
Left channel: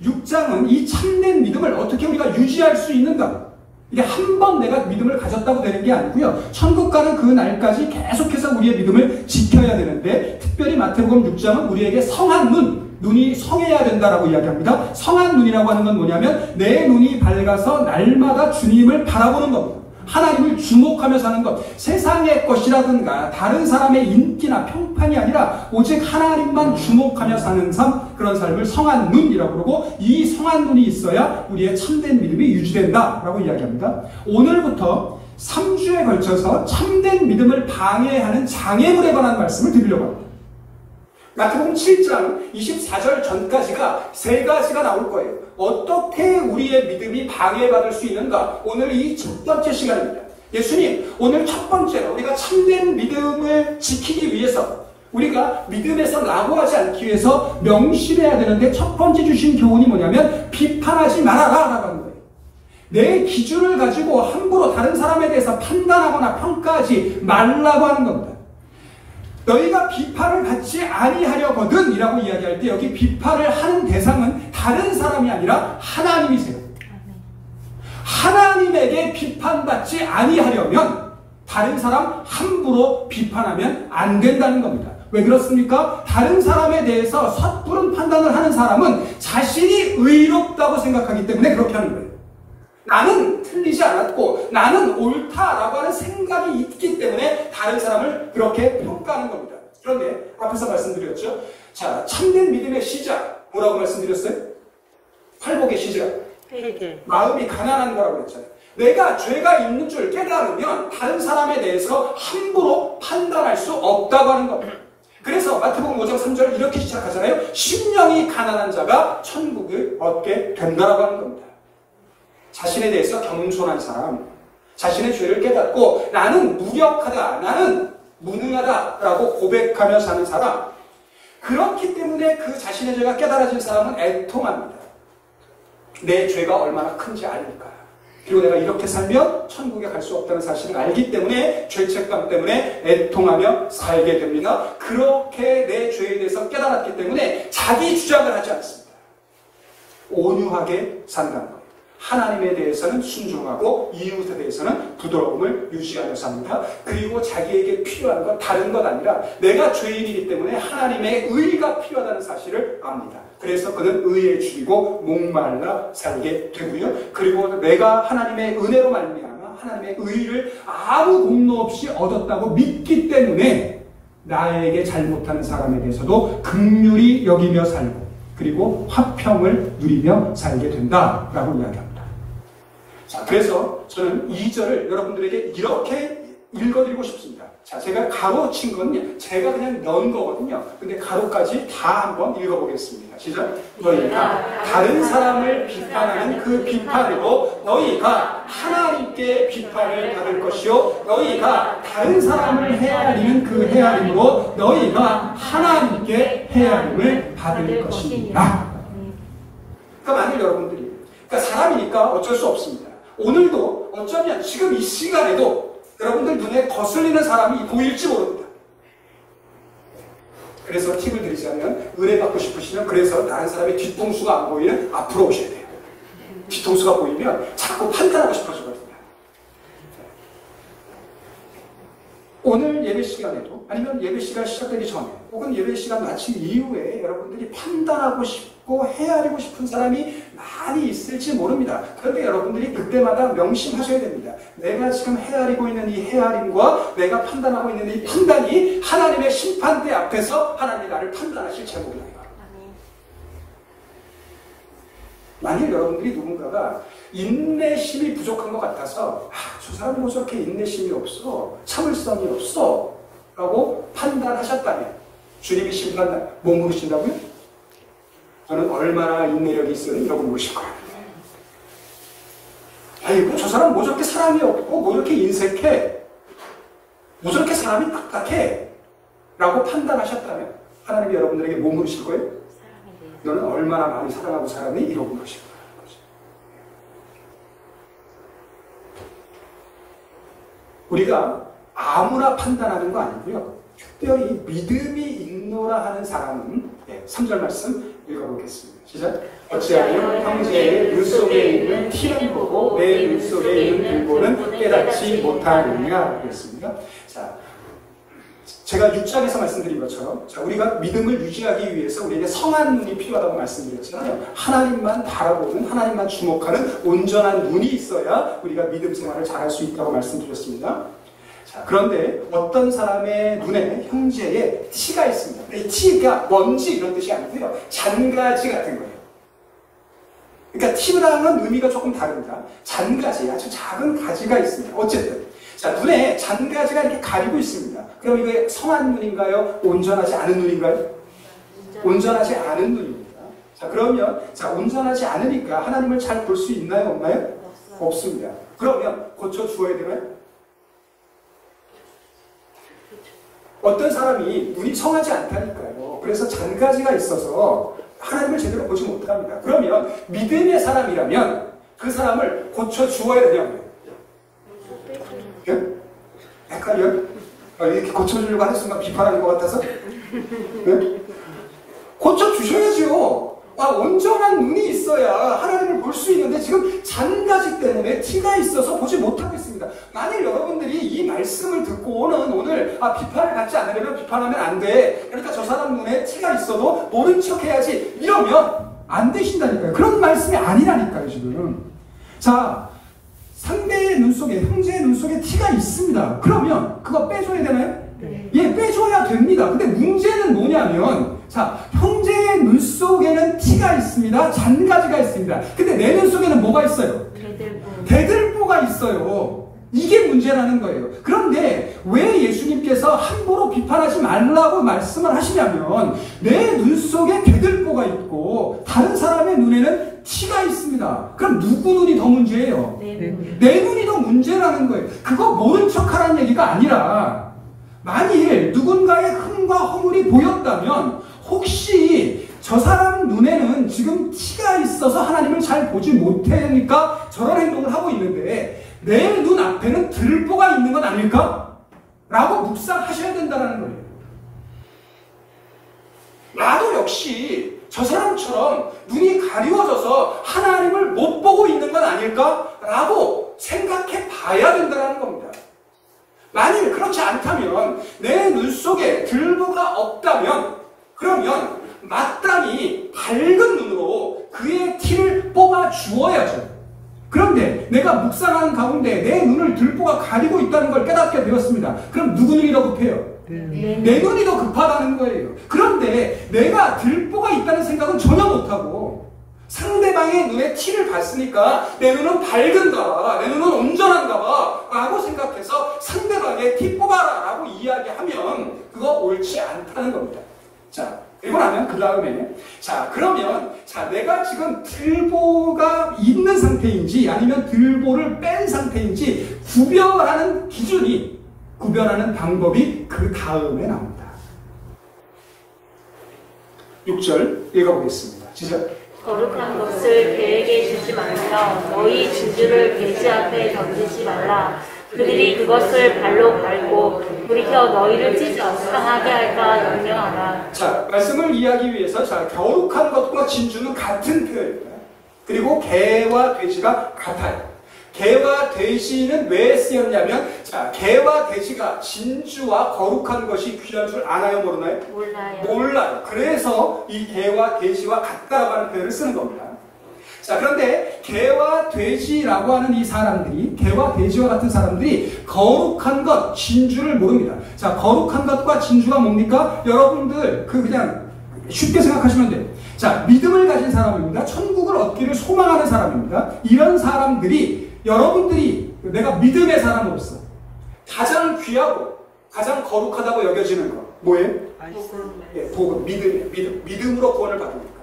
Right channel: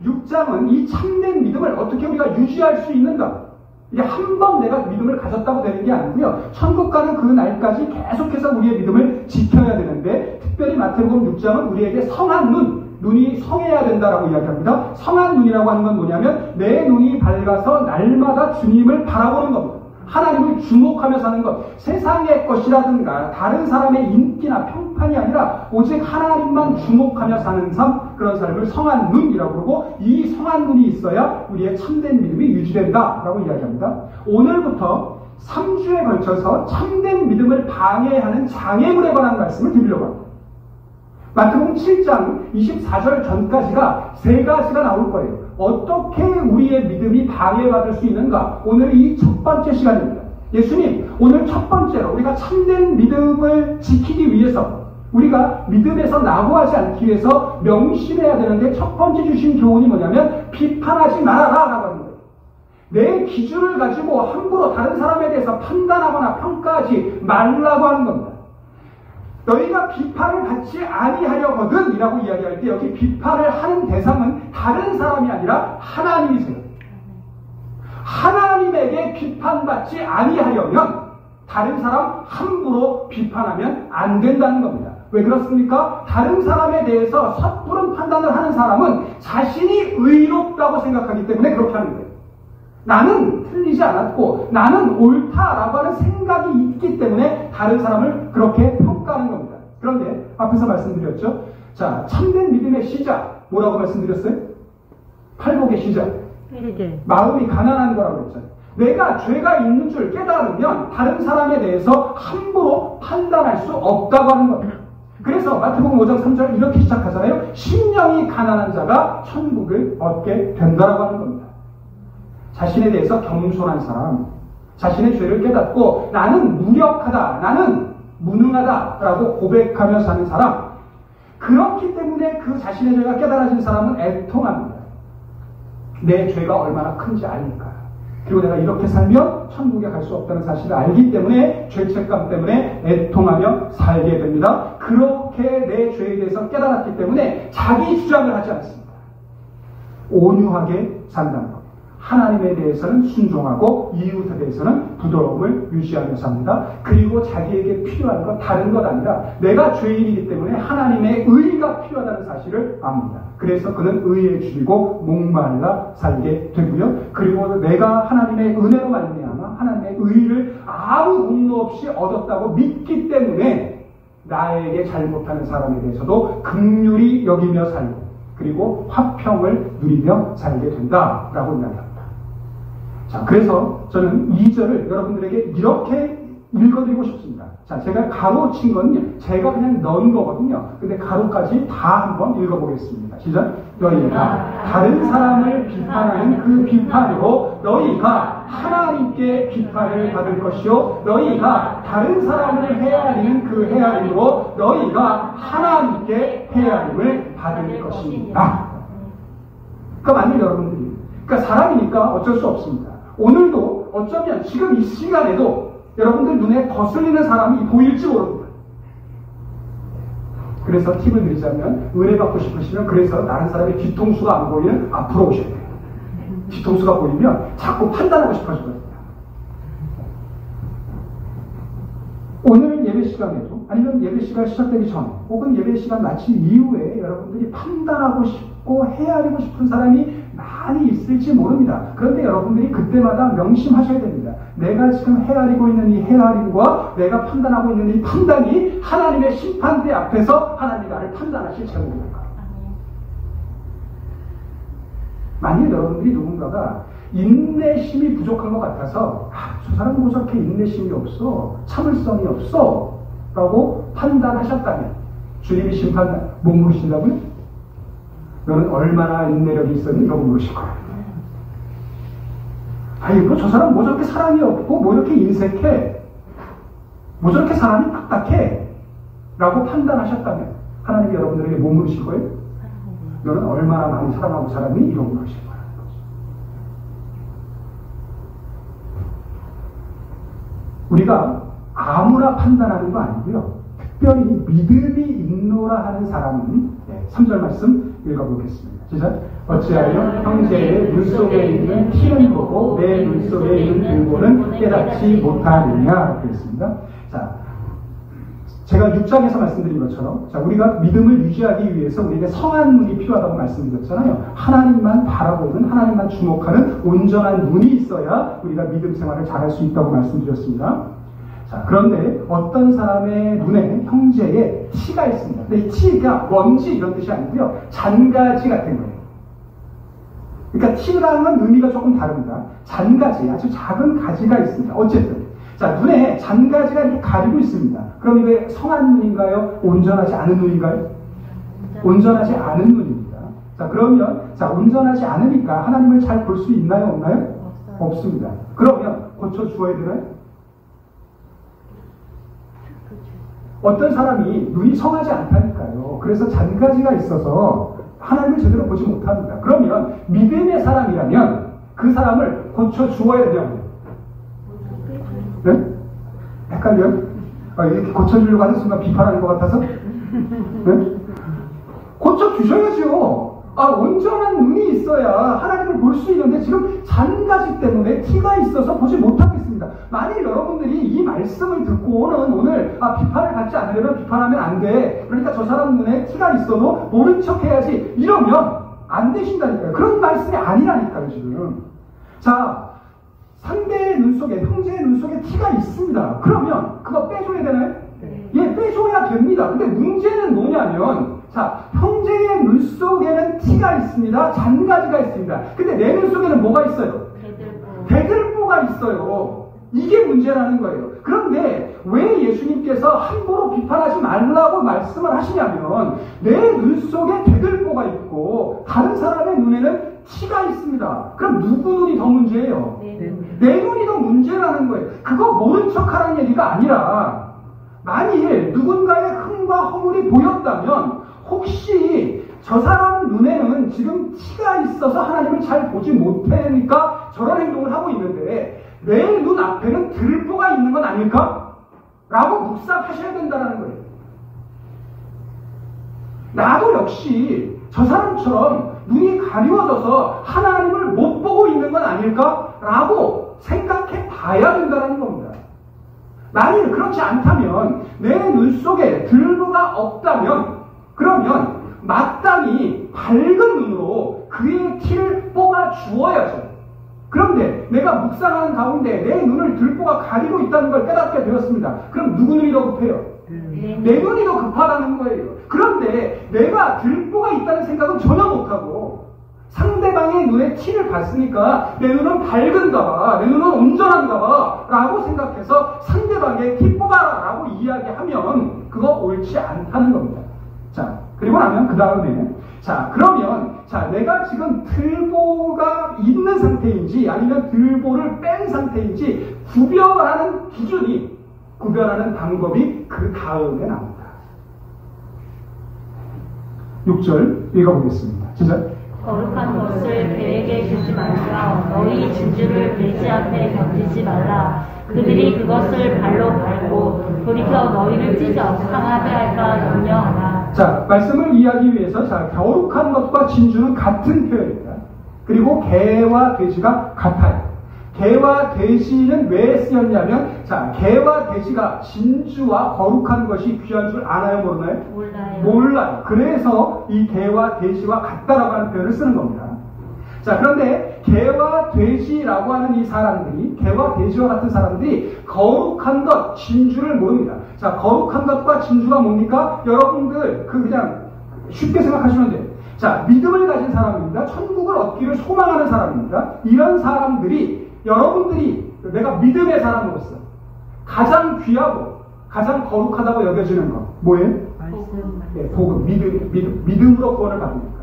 6장은 이 참된 믿음을 어떻게 우리가 유지할 수 있는가? 이게 한 번 내가 믿음을 가졌다고 되는 게 아니고요. 천국 가는 그 날까지 계속해서 우리의 믿음을 지켜야 되는데, 특별히 마태복음 6장은 우리에게 성한 눈이 성해야 된다라고 이야기합니다. 성한 눈이라고 하는 건 뭐냐면 내 눈이 밝아서 날마다 주님을 바라보는 겁니다. 하나님을 주목하며 사는 것, 세상의 것이라든가 다른 사람의 인기나 평판이 아니라 오직 하나님만 주목하며 사는 삶, 그런 삶을 성한 눈이라고 그러고, 이 성한 눈이 있어야 우리의 참된 믿음이 유지된다라고 이야기합니다. 오늘부터 3주에 걸쳐서 참된 믿음을 방해하는 장애물에 관한 말씀을 드리려고 합니다. 마태복음 7장 24절 전까지가 3가지가 나올 거예요. 어떻게 우리의 믿음이 방해받을 수 있는가? 오늘 이 첫 번째 시간입니다. 예수님, 오늘 첫 번째로 우리가 참된 믿음을 지키기 위해서, 우리가 믿음에서 낙오하지 않기 위해서 명심해야 되는데, 첫 번째 주신 교훈이 뭐냐면 비판하지 말아라 라고 하는 거예요. 내 기준을 가지고 함부로 다른 사람에 대해서 판단하거나 평가하지 말라고 하는 겁니다. 너희가 비판을 받지 아니하려거든 이라고 이야기할 때, 여기 비판을 하는 대상은 다른 사람이 아니라 하나님이세요. 하나님에게 비판받지 아니하려면 다른 사람 함부로 비판하면 안 된다는 겁니다. 왜 그렇습니까? 다른 사람에 대해서 섣부른 판단을 하는 사람은 자신이 의롭다고 생각하기 때문에 그렇게 하는 거예요. 나는 틀리지 않았고 나는 옳다라고 하는 생각이 있기 때문에 다른 사람을 그렇게 평가하는 겁니다. 그런데 앞에서 말씀드렸죠. 자, 참된 믿음의 시작 뭐라고 말씀드렸어요? 팔복의 시작, 마음이 가난한 거라고 그랬잖아요. 내가 죄가 있는 줄 깨달으면 다른 사람에 대해서 함부로 판단할 수 없다고 하는 겁니다. 그래서 마태복음 5장 3절 이렇게 시작하잖아요. 심령이 가난한 자가 천국을 얻게 된다라고 하는 겁니다. 자신에 대해서 겸손한 사람, 자신의 죄를 깨닫고 나는 무력하다, 나는 무능하다라고 고백하며 사는 사람, 그렇기 때문에 그 자신의 죄가 깨달아진 사람은 애통합니다. 내 죄가 얼마나 큰지 아니까. 그리고 내가 이렇게 살면 천국에 갈 수 없다는 사실을 알기 때문에 죄책감 때문에 애통하며 살게 됩니다. 그렇게 내 죄에 대해서 깨달았기 때문에 자기 주장을 하지 않습니다. 온유하게 산다는 겁니다. 하나님에 대해서는 순종하고 이웃에 대해서는 부드러움을 유지하며 삽니다. 그리고 자기에게 필요한 건 다른 것 아니라 내가 죄인이기 때문에 하나님의 의가 필요하다는 사실을 압니다. 그래서 그는 의에 줄이고 목말라 살게 되고요. 그리고 내가 하나님의 은혜로 말미암아 하나님의 의를 아무 공로 없이 얻었다고 믿기 때문에 나에게 잘못하는 사람에 대해서도 긍휼히 여기며 살고, 그리고 화평을 누리며 살게 된다라고 이야기합니다. 자, 그래서 저는 2절을 여러분들에게 이렇게 읽어드리고 싶습니다. 자, 제가 가로 친 건 제가 그냥 넣은 거거든요. 근데 가로까지 다 한번 읽어보겠습니다. 시작. 너희가 다른 사람을 비판하는 그 비판으로 너희가 하나님께 비판을 받을 것이요, 너희가 다른 사람을 헤아리는 그 헤아림으로 너희가 하나님께 헤아림을 받을 것이니라. 그러니까 만일 여러분들이, 그러니까 사람이니까 어쩔 수 없습니다. 오늘도 어쩌면 지금 이 시간에도 여러분들 눈에 거슬리는 사람이 보일지 모릅니다. 그래서 팁을 드리자면, 은혜받고 싶으시면 그래서 다른 사람의 뒤통수가 안 보이는 앞으로 오셔야 돼요. 뒤통수가 보이면 자꾸 판단하고 싶어지거든요. 오늘 예배 시간에도, 아니면 예배 시간 시작되기 전에, 혹은 예배 시간 마친 이후에 여러분들이 판단하고 싶고 헤아리고 싶은 사람이 많이 있을지 모릅니다. 그런데 여러분들이 그때마다 명심하셔야 됩니다. 내가 지금 헤아리고 있는 이 헤아림과 내가 판단하고 있는 이 판단이 하나님의 심판대 앞에서 하나님이 나를 판단하실 제목이라는 거. 만일 여러분들이 누군가가 인내심이 부족한 것 같아서 저 사람은 뭐 저렇게 인내심이 없어, 참을성이 없어 라고 판단하셨다면 주님이 심판 못 물으신다고요? 너는 얼마나 인내력이 있었니? 이러고 물으실 거예요. 아이고 저 사람 뭐 저렇게 사람이 없고 뭐 저렇게 인색해, 뭐 저렇게 사람이 딱딱해 라고 판단하셨다면 하나님이 여러분들에게 못 물으실 거예요? 너는 얼마나 많이 사랑하고 살았니? 이러고 물으실 거예요. 우리가 아무나 판단하는 거 아니고요. 특별히 믿음이 있노라 하는 사람은 3절 말씀 읽어보겠습니다. 시작. 어찌하여 형제의 눈 속에 있는 티는 보고 내 눈 속에 있는 들보는 깨닫지 못하느냐 그랬습니다. 자, 제가 6장에서 말씀드린 것처럼 우리가 믿음을 유지하기 위해서 우리에게 성한 눈이 필요하다고 말씀드렸잖아요. 하나님만 바라보는, 하나님만 주목하는 온전한 눈이 있어야 우리가 믿음 생활을 잘할 수 있다고 말씀드렸습니다. 자, 그런데 어떤 사람의 눈에 형제의 티가 있습니다. 근데 이 티가 먼지 이런 뜻이 아니고요. 잔가지 같은 거예요. 그러니까 티랑은 의미가 조금 다릅니다. 잔가지, 아주 작은 가지가 있습니다. 어쨌든 자, 눈에 잔가지가 이렇게 가리고 있습니다. 그럼 이게 성한 눈인가요? 온전하지 않은 눈인가요? 온전하지 않은 눈입니다. 자, 그러면 온전하지 않으니까 하나님을 잘 볼 수 있나요? 없나요? 없습니다. 그러면 고쳐 주어야 되나요? 어떤 사람이 눈이 성하지 않다니까요. 그래서 잔가지가 있어서 하나님을 제대로 보지 못합니다. 그러면 믿음의 사람이라면 그 사람을 고쳐 주어야 되냐고요. 네? 헷갈려요? 이렇게 고쳐주려고 하는 순간 비판하는 것 같아서? 네? 고쳐주셔야죠. 온전한 눈이 있어야 하나님을 볼 수 있는데 지금 잔가지 때문에 티가 있어서 보지 못하겠습니다. 만일 여러분들이 이 말씀을 듣고는 오늘 비판을 받지 않으려면 비판하면 안 돼. 그러니까 저 사람 눈에 티가 있어도 모른 척 해야지. 이러면 안 되신다니까요. 그런 말씀이 아니라니까요, 지금. 자, 상대의 눈 속에, 형제의 눈 속에 티가 있습니다. 그러면 그거 빼줘야 되나요? 네. 예, 빼줘야 됩니다. 근데 문제는 뭐냐면, 자, 형제의 눈 속에는 티가 있습니다. 잔가지가 있습니다. 근데 내 눈 속에는 뭐가 있어요? 대들보가 있어요. 이게 문제라는 거예요. 그런데 왜 예수님께서 함부로 비판하지 말라고 말씀을 하시냐면, 내 눈 속에 대들보가 있고 다른 사람의 눈에는 티가 있습니다. 그럼 누구 눈이 더 문제예요? 내 눈이 더 문제라는 거예요. 그거 모른 척하라는 얘기가 아니라, 만일 누군가의 흠과 허물이 보였다면 혹시 저 사람 눈에는 지금 티가 있어서 하나님을 잘 보지 못하니까 저런 행동을 하고 있는데 내 눈 앞에는 들보가 있는 건 아닐까? 라고 묵상하셔야 된다는 거예요. 나도 역시 저 사람처럼 눈이 가리워져서 하나님을 못 보고 있는 건 아닐까? 라고 생각해 봐야 된다는 겁니다. 만일 그렇지 않다면, 내 눈 속에 들보가 없다면, 그러면 마땅히 밝은 눈으로 그의 티를 뽑아 주어야죠. 그런데 내가 묵상하는 가운데 내 눈을 들보가 가리고 있다는 걸 깨닫게 되었습니다. 그럼 누구 눈이 더 급해요? 내 눈이 더 급하다는 거예요. 그런데 내가 들보가 있다는 생각은 전혀 못하고 상대방의 눈에 티를 봤으니까 내 눈은 밝은가 봐, 내 눈은 온전한가 봐 라고 생각해서 상대방의 티 뽑아라 라고 이야기하면 그거 옳지 않다는 겁니다. 자, 그리고 나면 그 다음에, 자, 그러면, 자, 내가 지금 들보가 있는 상태인지 아니면 들보를 뺀 상태인지 구별하는 기준이, 구별하는 방법이 그 다음에 나옵니다. 6절 읽어보겠습니다. 시작. 거룩한 것을 배에게 주지 말며 너희 진주를 배지 앞에 던지지 말라. 그들이 그것을 발로 밟고 돌이켜 너희를 찢어 상하게 할까 염려하라. 자, 말씀을 이해하기 위해서, 자, 거룩한 것과 진주는 같은 표현입니다. 그리고 개와 돼지가 같아요. 개와 돼지는 왜 쓰였냐면, 자, 개와 돼지가 진주와 거룩한 것이 귀한 줄 아나요, 모르나요? 몰라요. 그래서 이 개와 돼지와 같다라고 하는 표현을 쓰는 겁니다. 자, 그런데 개와 돼지라고 하는 이 사람들이, 개와 돼지와 같은 사람들이 거룩한 것, 진주를 모릅니다. 자, 거룩한 것과 진주가 뭡니까? 여러분들 그냥 쉽게 생각하시면 돼요. 자, 믿음을 가진 사람입니다. 천국을 얻기를 소망하는 사람입니다. 이런 사람들이, 여러분들이 내가 믿음의 사람으로서 가장 귀하고 가장 거룩하다고 여겨지는 것 뭐예요? 네, 복음, 믿음으로 구원을 받으니까.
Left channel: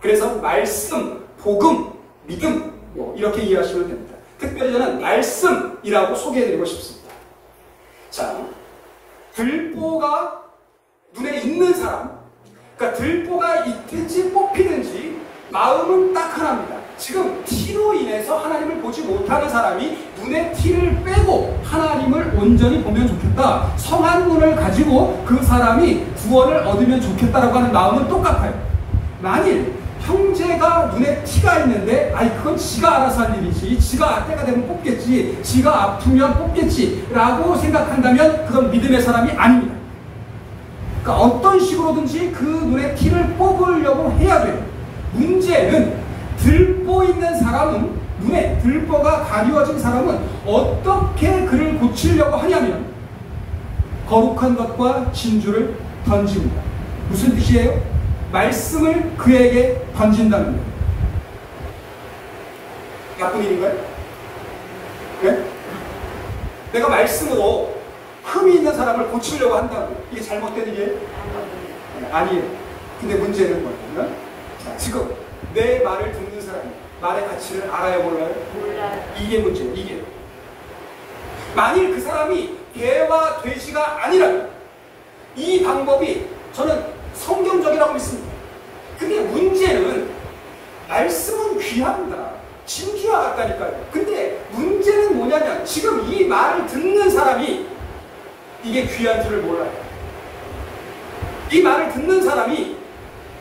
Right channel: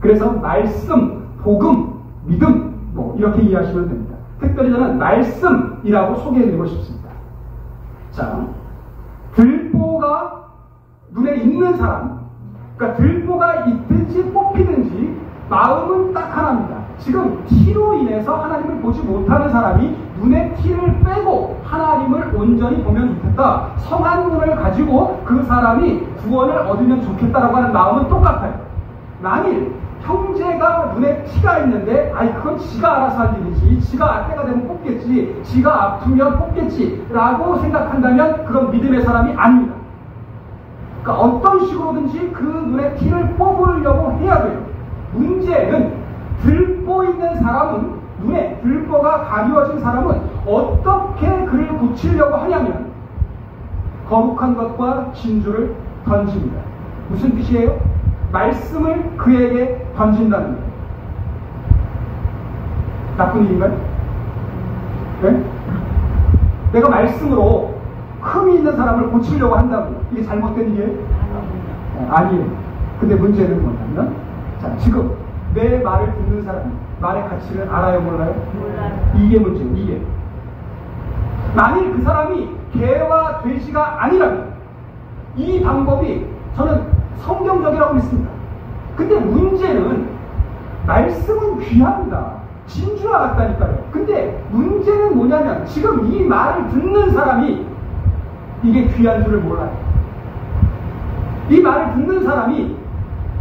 그래서 말씀, 복음, 믿음 뭐 이렇게 이해하시면 됩니다. 특별히 저는 말씀이라고 소개해드리고 싶습니다. 자, 들보가 눈에 있는 사람, 그러니까 들보가 있든지 뽑히든지 마음은 딱 하나입니다. 지금 티로 인해 인해서 하나님을 보지 못하는 사람이 눈의 티를 빼고 하나님을 온전히 보면 좋겠다. 성한 눈을 가지고 그 사람이 구원을 얻으면 좋겠다라고 하는 마음은 똑같아요. 만일 형제가 눈에 티가 있는데 그건 지가 알아서 할 일이지, 지가 때가 되면 뽑겠지, 지가 아프면 뽑겠지 라고 생각한다면 그건 믿음의 사람이 아닙니다. 그러니까 어떤 식으로든지 그 눈에 티를 뽑으려고 해야 돼요. 문제는 들보 있는 사람은, 눈에 들보가 가려진 사람은 어떻게 그를 고치려고 하냐면 거룩한 것과 진주를 던집니다. 무슨 뜻이에요? 말씀을 그에게 던진다는 거예요. 나쁜 일인가요? 네? 내가 말씀으로 흠이 있는 사람을 고치려고 한다고 이게 잘못된 일이에요? 아니에요. 근데 문제는 뭐냐면 지금 내 말을 듣는 사람이 말의 가치를 알아요, 몰라요? 몰라요. 이게 문제예요. 이게 만일 그 사람이 개와 돼지가 아니라면 이 방법이 저는 성경적이라고 믿습니다. 근데 문제는 말씀은 귀합니다. 진주와 같다니까요. 근데 문제는 뭐냐면 지금 이 말을 듣는 사람이 이게 귀한 줄을 몰라요. 이 말을 듣는 사람이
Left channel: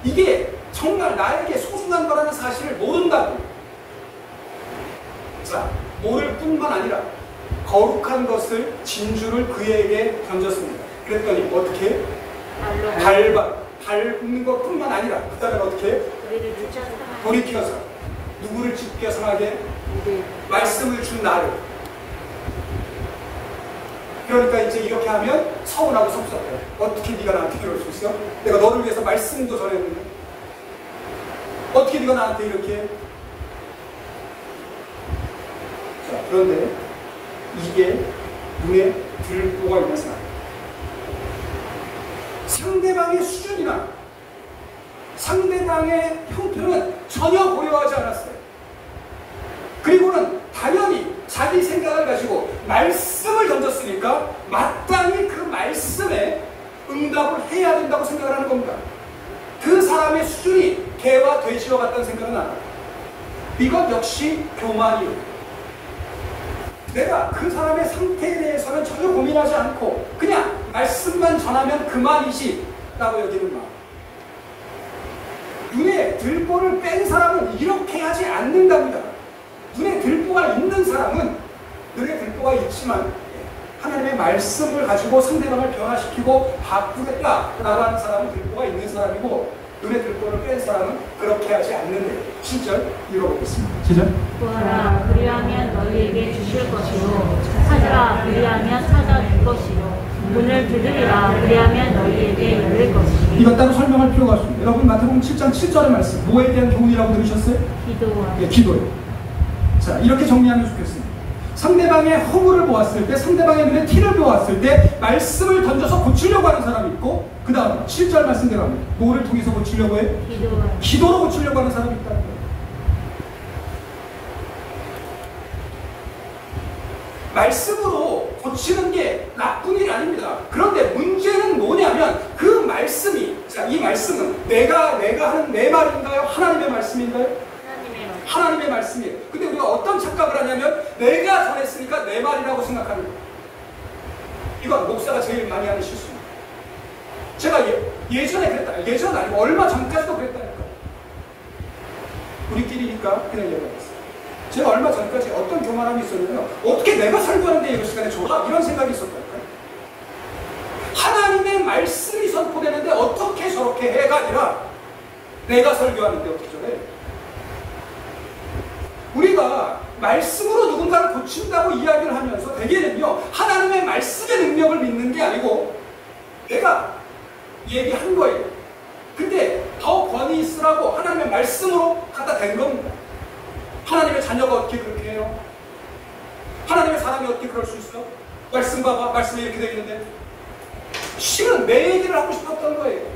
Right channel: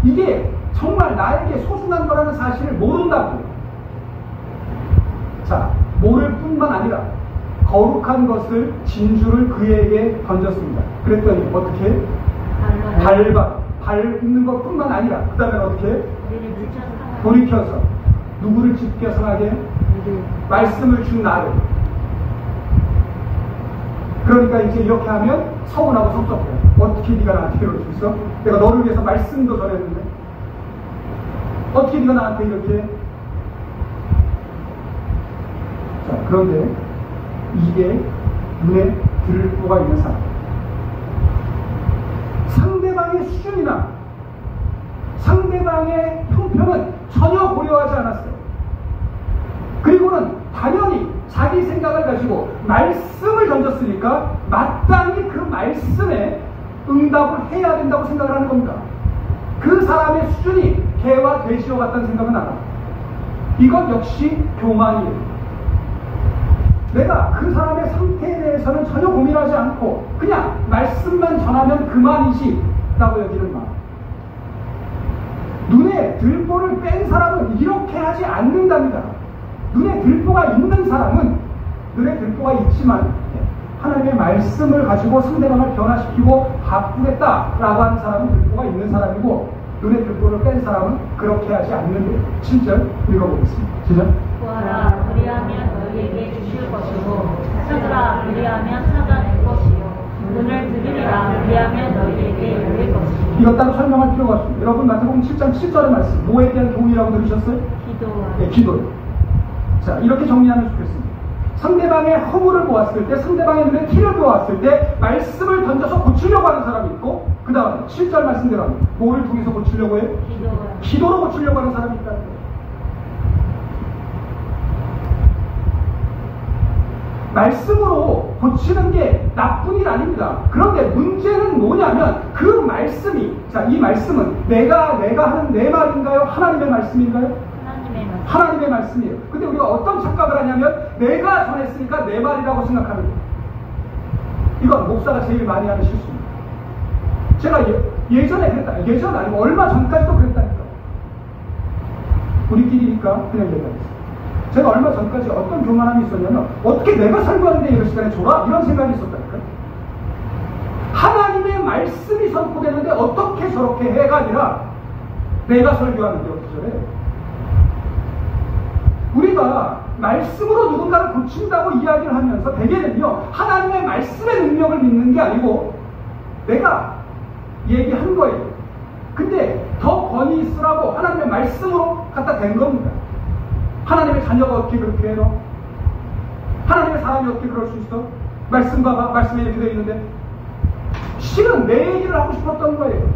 이게 정말 나에게 소중한 거라는 사실을 모른다고. 자, 모를 뿐만 아니라 거룩한 것을, 진주를 그에게 던졌습니다. 그랬더니 어떻게? 밟는 것뿐만 아니라 그 다음에 어떻게? 돌이켜서 누구를 지켜 상하게? 말씀을 준 나를. 그러니까 이제 이렇게 하면 서운하고 섭섭해요. 어떻게 네가 나한테 이럴 수 있어? 내가 너를 위해서 말씀도 전했는데 어떻게 네가 나한테 이렇게? 자, 그런데 이게 눈에 들보가 있는 사람, 상대방의 수준이나 상대방의 형편은 전혀 고려하지 않았어요. 그리고는 당연히 자기 생각을 가지고 말씀을 던졌으니까 마땅히 그 말씀에 응답을 해야 된다고 생각을 하는 겁니다. 그 사람의 수준이 개와 돼지와 같다는 생각은 안 합니다. 이건 역시 교만이에요. 내가 그 사람의 상태에 대해서는 전혀 고민하지 않고 그냥 말씀만 전하면 그만이지 라고 여기는 마음. 눈에 들보를 뺀 사람은 이렇게 하지 않는답니다. 눈에 들보가 있는 사람은 눈에 들보가 있지만 하나님의 말씀을 가지고 상대방을 변화시키고 바꾸겠다라고 하는 사람은 들보가 있는 사람이고, 눈에 들보를 뺀 사람은 그렇게 하지 않는데요. 7절 읽어보겠습니다. 시작. 구하라, 그리하면 너희에게 주실 것이요, 찾으라, 그리하면 찾아줄 것이요, 문을 두드리라, 그리하면 너희에게 열릴 것이요. 이것 따로 설명할 필요가 없습니다. 여러분 마태복음 7장 7절의 말씀, 뭐에 대한 교훈이라고 들으셨어요? 기도. 네, 기도요. 자, 이렇게 정리하면 좋겠습니다. 상대방의 허물을 보았을 때, 상대방의 눈에 티를 보았을 때 말씀을 던져서 고치려고 하는 사람이 있고, 그 다음 7절 말씀대로 뭐를 통해서 고치려고 해요? 기도로 고치려고 하는 사람이 있다는 거예요. 말씀으로 고치는 게 나쁜 일 아닙니다. 그런데 문제는 뭐냐면 그 말씀이, 자, 이 말씀은 내가 하는 내 말인가요? 하나님의 말씀인가요? 하나님의 말씀이에요. 근데 우리가 어떤 착각을 하냐면 내가 전했으니까 내 말이라고 생각하는 거예요. 이건 목사가 제일 많이 하는 실수입니다. 제가 예전에 그랬다. 예전 아니고 얼마 전까지도 그랬다니까요. 우리끼리니까 그냥 얘기하겠어요. 제가 얼마 전까지 어떤 교만함이 있었냐면 어떻게 내가 설교하는데 이럴 시간에 줘라? 이런 생각이 있었다니까요. 하나님의 말씀이 선포되는데 어떻게 저렇게 해가 아니라 내가 설교하는데 어떻게 저래? 우리가 말씀으로 누군가를 고친다고 이야기를 하면서 대개는요, 하나님의 말씀의 능력을 믿는 게 아니고 내가 얘기한 거예요. 근데 더 권위 있으라고 하나님의 말씀으로 갖다 댄 겁니다. 하나님의 자녀가 어떻게 그렇게 해요? 하나님의 사람이 어떻게 그럴 수 있어? 말씀 봐봐. 말씀에 이렇게 되어 있는데. 실은 내 얘기를 하고 싶었던 거예요.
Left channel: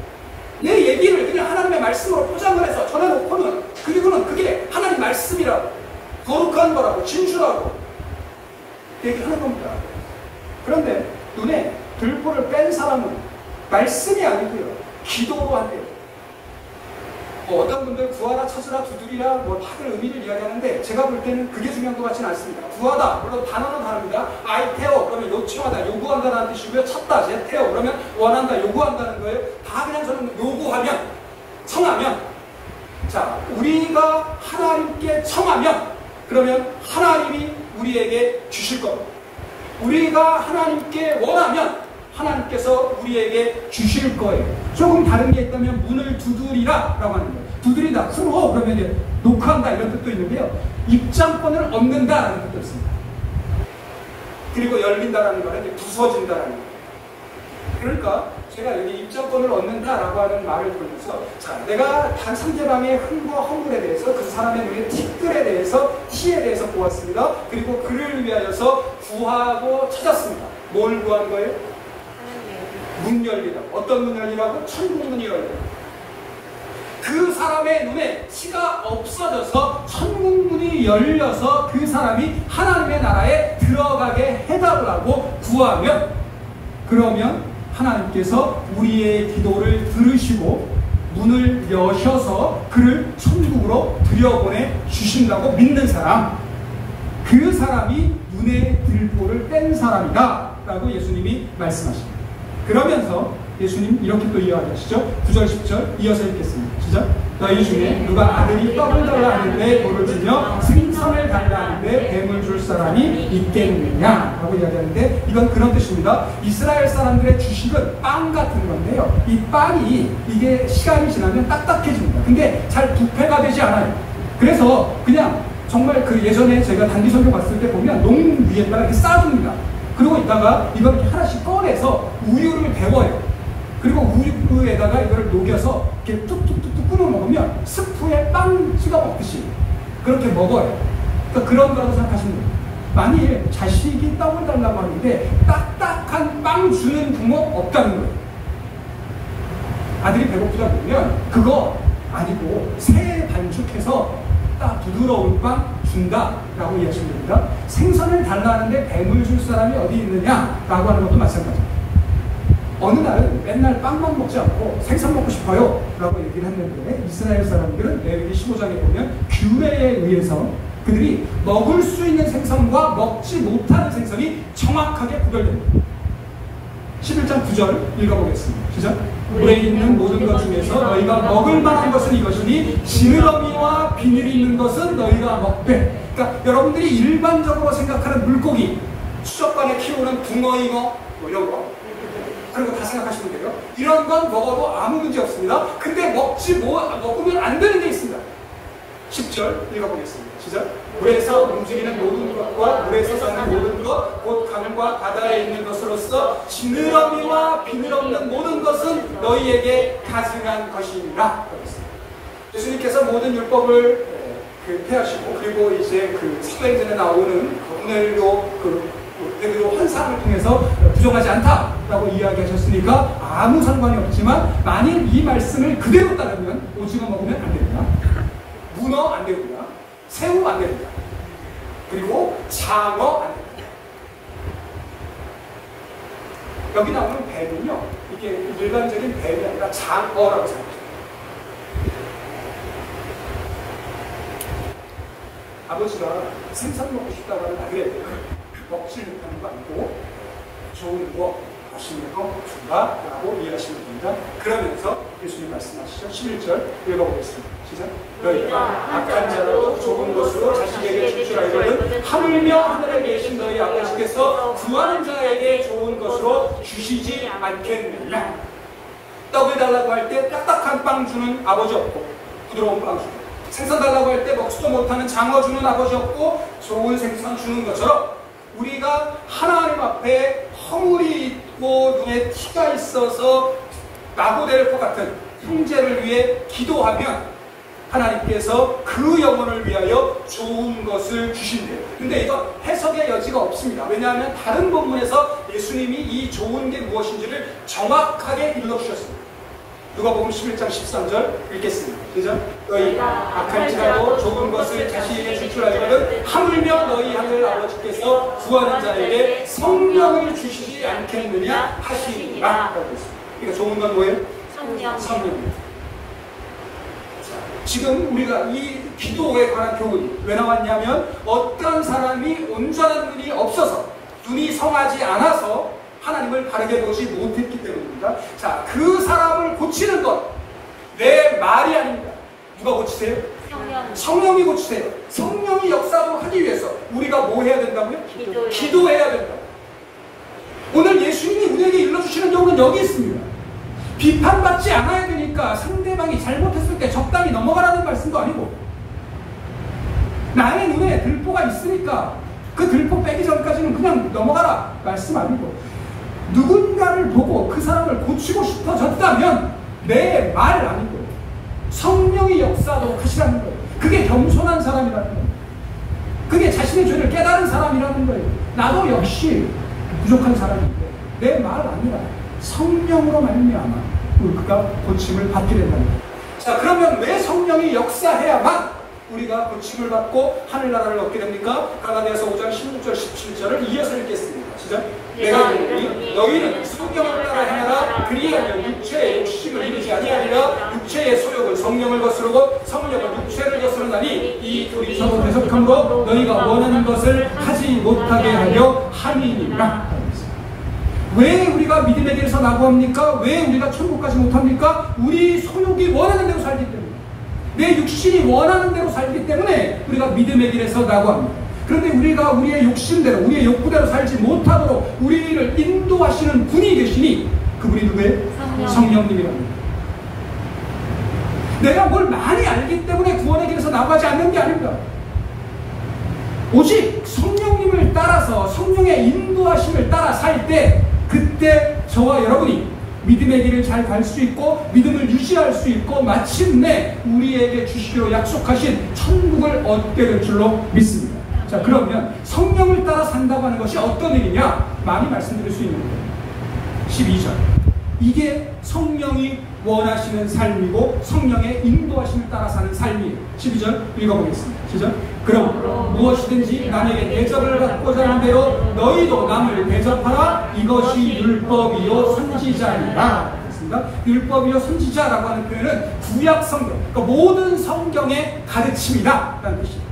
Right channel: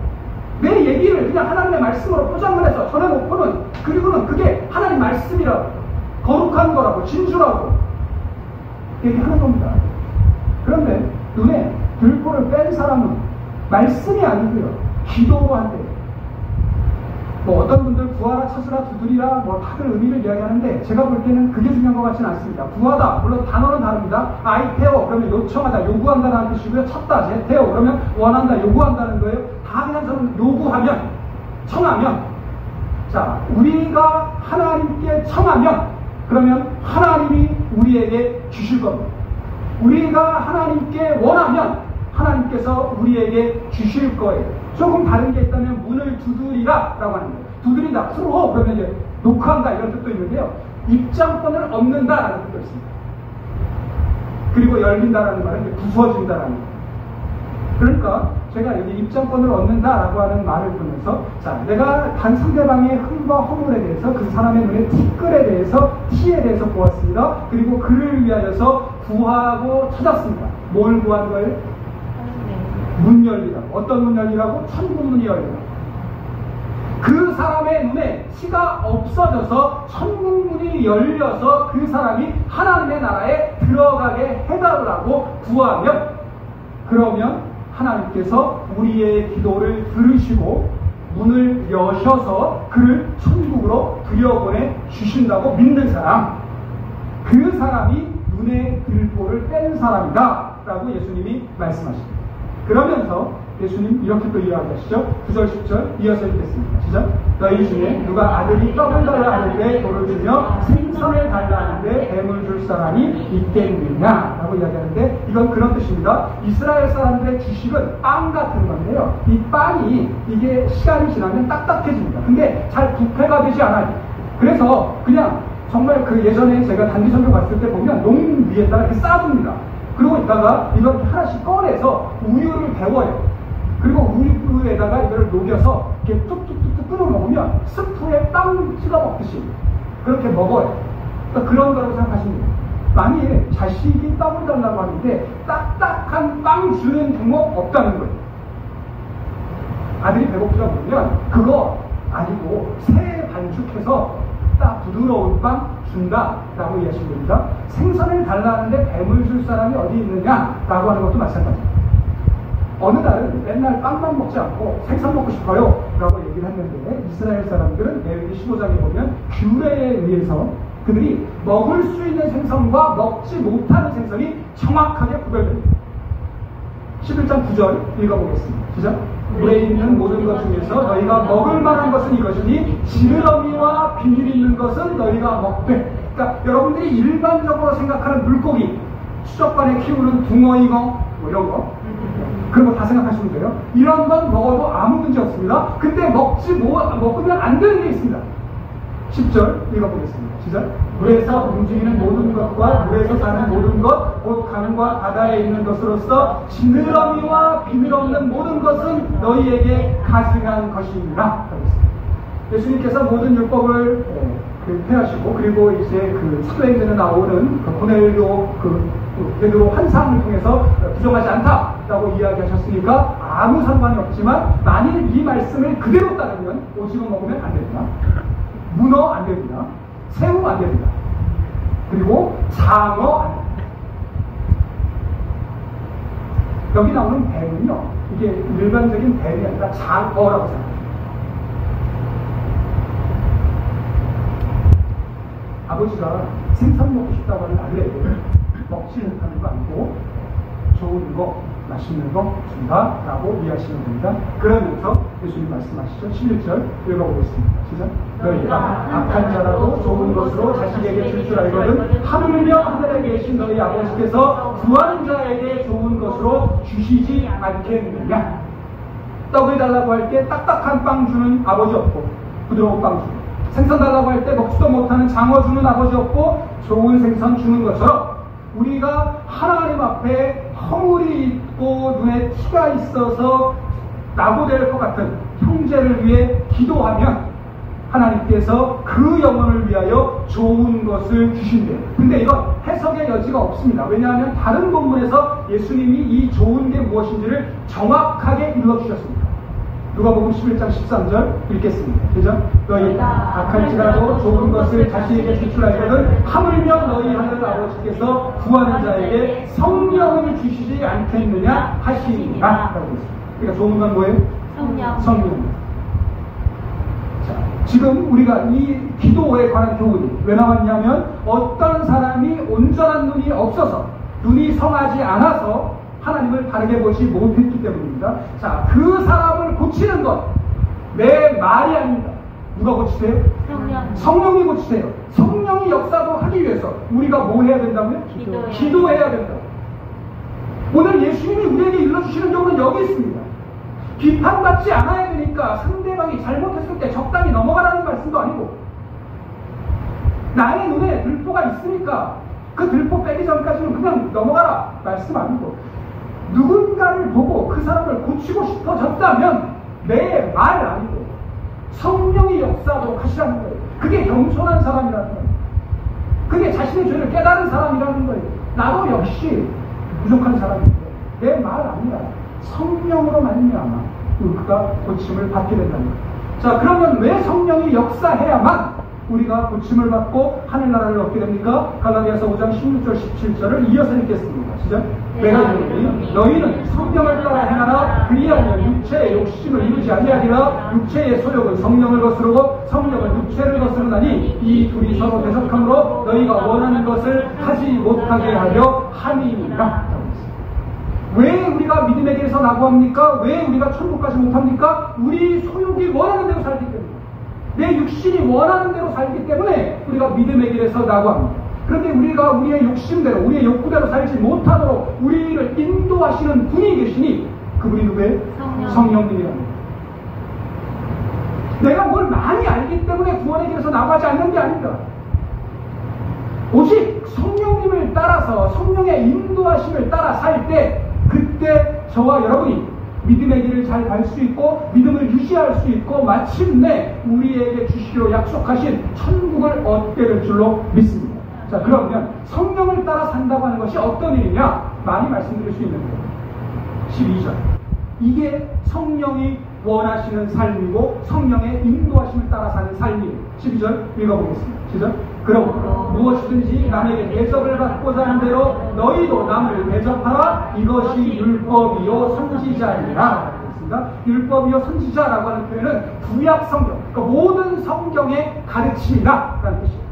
내 얘기를 그냥 하나님의 말씀으로 포장을 해서 전해놓고는, 그리고는 그게 하나님 말씀이라고, 거룩한 거라고, 진주라고 얘기하는 겁니다. 그런데 눈에 들보를 뺀 사람은 말씀이 아니고요, 기도로 한대요. 뭐 어떤 분들 구하라, 찾으라, 두드리라 뭐 다들 의미를 이야기하는데 제가 볼 때는 그게 중요한 것 같지는 않습니다. 구하다, 물론 단어는 다릅니다. 아이테오 그러면 요청하다, 요구한다는 뜻이고요. 찾다, 제테오 그러면 원한다, 요구한다는 거예요. 다 그냥 저는 요구하면, 청하면, 자 우리가 하나님께 청하면 그러면 하나님이 우리에게 주실 겁니다. 우리가 하나님께 원하면 하나님께서 우리에게 주실 거예요. 조금 다른 게 있다면 문을 두드리라 라고 하는 거예요. 두드리다, 풀어 그러면 이제 노크한다 이런 뜻도 있는데요. 입장권을 얻는다 라는 뜻도 있습니다. 그리고 열린다라는 말은 이제 부서진다라는 거예요. 그러니까 제가 여기 입장권을 얻는다라고 하는 말을 들으면서 자 내가 상대방의 흠과 허물에 대해서 그 사람의 눈에 티끌에 대해서 티에 대해서 보았습니다. 그리고 그를 위하여서 구하고 찾았습니다. 뭘 구한 거예요? 문 열리다. 어떤 문 열리라고? 천국문이 열리다. 그 사람의 눈에 티가 없어져서 천국문이 열려서 그 사람이 하나님의 나라에 들어가게 해달라고 구하면 그러면 하나님께서 우리의 기도를 들으시고 문을 여셔서 그를 천국으로 들여보내 주신다고 믿는 사람, 그 사람이 눈에 들보를 뗀 사람이다 라고 예수님이 말씀하십니다. 그러면서 예수님 이렇게 또 이야기하시죠. 9절 10절 이어서 읽겠습니다. 시작. 너희 중에 누가 아들이 떡을 달라 하는데 돌을 주며 생선을 달라 하는데 뱀을 줄 사람이 있겠느냐 라고 이야기하는데 이건 그런 뜻입니다. 이스라엘 사람들의 주식은 빵 같은 건데요. 이 빵이 이게 시간이 지나면 딱딱해집니다. 근데 잘 부패가 되지 않아요. 그래서 그냥 정말 그 예전에 제가 단기 선교 갔을 때 보면 농 위에다가 이렇게 쌓아둡니다. 그러고 있다가 이걸 이렇게 하나씩 꺼내서 우유를 데워요. 그리고 우유에다가 이걸 녹여서 이렇게 뚝뚝뚝뚝 끓여 먹으면 스프에 빵 찍어 먹듯이 그렇게 먹어요. 그러니까 그런 거라고 생각하시면 돼요. 만일 자식이 떡을 달라고 하는데 딱딱한 빵 주는 부모 없다는 거예요. 아들이 배고프다 보면 그거 아니고 새 반죽해서 딱 부드러운 빵 준다라고 이해하시면 됩니다. 생선을 달라는데 뱀을 줄 사람이 어디 있느냐라고 하는 것도 마찬가지입니다. 어느 날은 맨날 빵만 먹지 않고 생선 먹고 싶어요 라고 얘기를 했는데 이스라엘 사람들은 레위기 15장에 보면 규례에 의해서 그들이 먹을 수 있는 생선과 먹지 못하는 생선이 정확하게 구별됩니다. 11장 9절 읽어보겠습니다. 시작. 물에 있는 모든 것 중에서 너희가 먹을 만한 것은 이것이니 지느러미와 비늘이 있는 것은 너희가 먹되. 그러니까 여러분들이 일반적으로 생각하는 물고기, 수족관에 키우는 붕어잉어 뭐 이런 거 그런 거 다 생각하시면 돼요. 이런 건 먹어도 아무 문제 없습니다. 근데 먹으면 안 되는 게 있습니다. 10절 읽어보겠습니다. 시작. 물에서 움직이는 모든 것과 물에서 사는 모든 것, 곧 강과 바다에 있는 것으로서 지느러미와 비늘 없는 모든 것은 너희에게 가증한 것이니라. 예수님께서 모든 율법을 폐하시고 그리고 이제 그 사도행전에 나오는 그 고넬료 베드로 환상을 통해서 부정하지 않다라고 이야기하셨으니까 아무 상관이 없지만 만일 이 말씀을 그대로 따르면 오징어 먹으면 안 됩니다. 문어 안 됩니다. 새우 안 됩니다. 그리고 장어 안 됩니다. 여기 나오는 뱀은요, 이게 일반적인 뱀이 아니라 장어라고 생각합니다. 아버지가 생선 먹고 싶다고 하는 아들에게 먹지 못하는 거 아니고 좋은 거, 맛있는 거 준다라고 이해하시면 됩니다. 그러면서 예수님 말씀하시죠. 11절 읽어보겠습니다. 시작. 너희가 악한 자라도 좋은 것으로 자식에게 줄 줄 알거든 하물며 하늘에 계신 너희 아버지께서 구하는 자에게 좋은 것으로 주시지 않겠느냐. 떡을 달라고 할 때 딱딱한 빵 주는 아버지 없고 부드러운 빵 주고, 생선 달라고 할 때 먹지도 못하는 장어 주는 아버지 없고 좋은 생선 주는 것처럼 우리가 하나님 앞에 허물이 있고 눈에 티가 있어서 낙오될 것 같은 형제를 위해 기도하면 하나님께서 그 영혼을 위하여 좋은 것을 주신대요. 근데 이건 해석의 여지가 없습니다. 왜냐하면 다른 본문에서 예수님이 이 좋은 게 무엇인지를 정확하게 일러주셨습니다. 누가복음 11장 13절 읽겠습니다. 시작. 너희가 악할지라도 좋은 것을 자식에게 줄 줄 알거든 하물며 너희 하늘 아버지께서 구하는 자에게 성령을 주시지 않겠느냐 하시니라. 그러니까 좋은 건 뭐예요? 성령입니다. 자, 지금 우리가 이 기도에 관한 교훈이 왜 나왔냐면 어떤 사람이 온전한 눈이 없어서 눈이 성하지 않아서 하나님을 바르게 보지 못했기 때문입니다. 자, 그 사람을 고치는 것 내 말이 아닙니다. 누가 고치세요? 성령이 고치세요. 성령이 역사도 하기 위해서 우리가 뭐 해야 된다고요? 기도해야 된다. 오늘 예수님이 우리에게 일러주시는 교훈은 여기 있습니다. 비판받지 않아야 되니까 상대방이 잘못했을 때 적당히 넘어가라는 말씀도 아니고, 나의 눈에 들보가 있으니까 그 들보 빼기 전까지는 그냥 넘어가라 말씀 아니고, 누군가를 보고 그 사람을 고치고 싶어졌다면 내 말 아니고 성령의 역사도 하시라는 거예요. 그게 겸손한 사람이라는 거예요. 그게 자신의 죄를 깨달은 사람이라는 거예요. 나도 역시 부족한 사람인데 내 말 아니라 성령으로 말미암아 그가 고침을 받게 된다는 거예요. 자, 그러면 왜 성령이 역사해야만 우리가 고침을 받고 하늘나라를 얻게 됩니까? 갈라디아서 5장 16절 17절을 이어서 읽겠습니다. 시작. 내가 이르노니 너희는 성경을 따라 행하라. 그리하면 육체의 욕심을 이루지 아니하리라. 육체의 소욕은 성령을 거스르고 성령은 육체를 거스르나니 이 둘이 서로 대적함으로 너희가 원하는 것을 하지 못하게 하려 함이니라. 왜 우리가 믿음의 길에서 낙오합니까? 왜 우리가 천국 가지 못합니까? 우리 소욕이 원하는 대로 살기 때문에, 내 육신이 원하는 대로 살기 때문에 우리가 믿음의 길에서 낙오합니다. 그런데 우리가 우리의 욕심대로, 우리의 욕구대로 살지 못하도록 우리를 인도하시는 분이 계시니 그분이 누구예요? 성령님이랍니다. 내가 뭘 많이 알기 때문에 구원의 길에서 나가지 않는 게 아닙니다. 오직 성령님을 따라서 성령의 인도하심을 따라 살 때, 그때 저와 여러분이 믿음의 길을 잘 갈 수 있고 믿음을 유지할 수 있고 마침내 우리에게 주시기로 약속하신 천국을 얻게 될 줄로 믿습니다. 자, 그러면 성령을 따라 산다고 하는 것이 어떤 일이냐? 많이 말씀드릴 수 있는 거예요. 12절. 이게 성령이 원하시는 삶이고 성령의 인도하심을 따라 사는 삶이에요. 12절 읽어보겠습니다. 시작. 그럼 무엇이든지 남에게 대접을 받고자 하는 대로 너희도 남을 대접하라. 이것이 율법이요 선지자니라. 율법이요 선지자라고 하는 표현은 구약 성경, 그러니까 모든 성경의 가르침이다 라는 뜻입니다.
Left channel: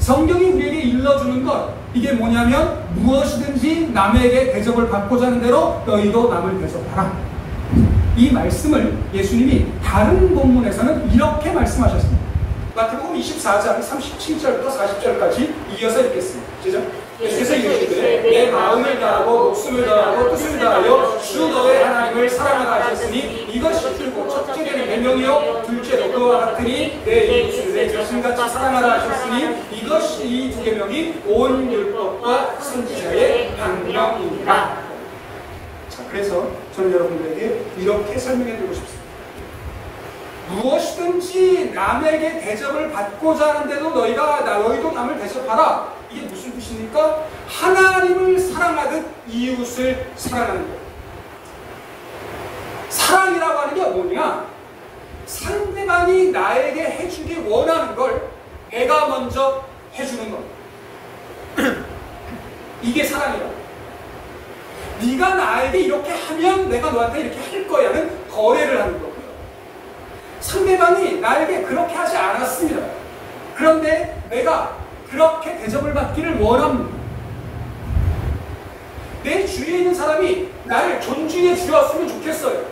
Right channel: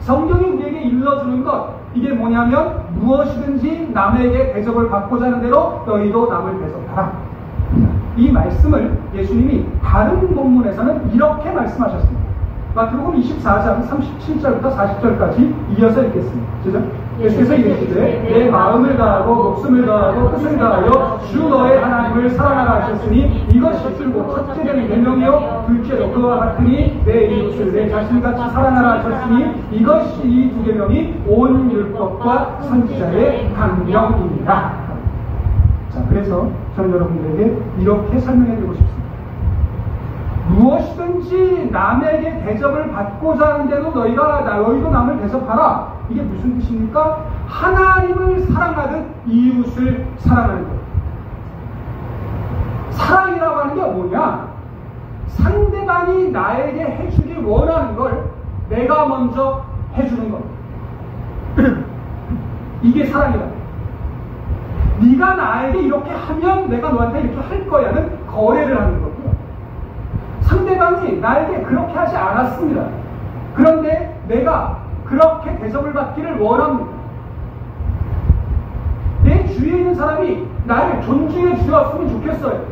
성경이 우리에게 일러주는 것, 이게 뭐냐면 무엇이든지 남에게 대접을 받고자 하는 대로 너희도 남을 대접하라. 이 말씀을 예수님이 다른 본문에서는 이렇게 말씀하셨습니다. 마태복음 24장 37절부터 40절까지 이어서 읽겠습니다. 시작. 예수께서 이르시되 내 마음을 다하고 목숨을 다하고 뜻을 다하여 주 너의 하나님을 사랑하라 하셨으니 이것이 줄곧 첫째 되는 계명이요 둘째도 그와 같으니 내 이웃을 내 자신같이 사랑하라 하셨으니 이것이 이 두 계명이 온 율법과 선지자의 강령이니라. 자, 그래서 저는 여러분들에게 이렇게 설명해 드리고 싶습니다. 무엇이든지 남에게 대접을 받고자 하는데도 너희도 남을 대접하라. 이게 무슨 뜻입니까? 하나님을 사랑하듯 이웃을 사랑하는 거예요. 사랑이라고 하는 게 뭐냐? 상대방이 나에게 해주기 원하는 걸 내가 먼저 해주는 거. 이게 사랑이라고. 네가 나에게 이렇게 하면 내가 너한테 이렇게 할 거야는 거래를 하는 거고요. 상대방이 나에게 그렇게 하지 않았습니다. 그런데 내가 그렇게 대접을 받기를 원합니다. 내 주위에 있는 사람이 나를 존중해 주었으면 좋겠어요.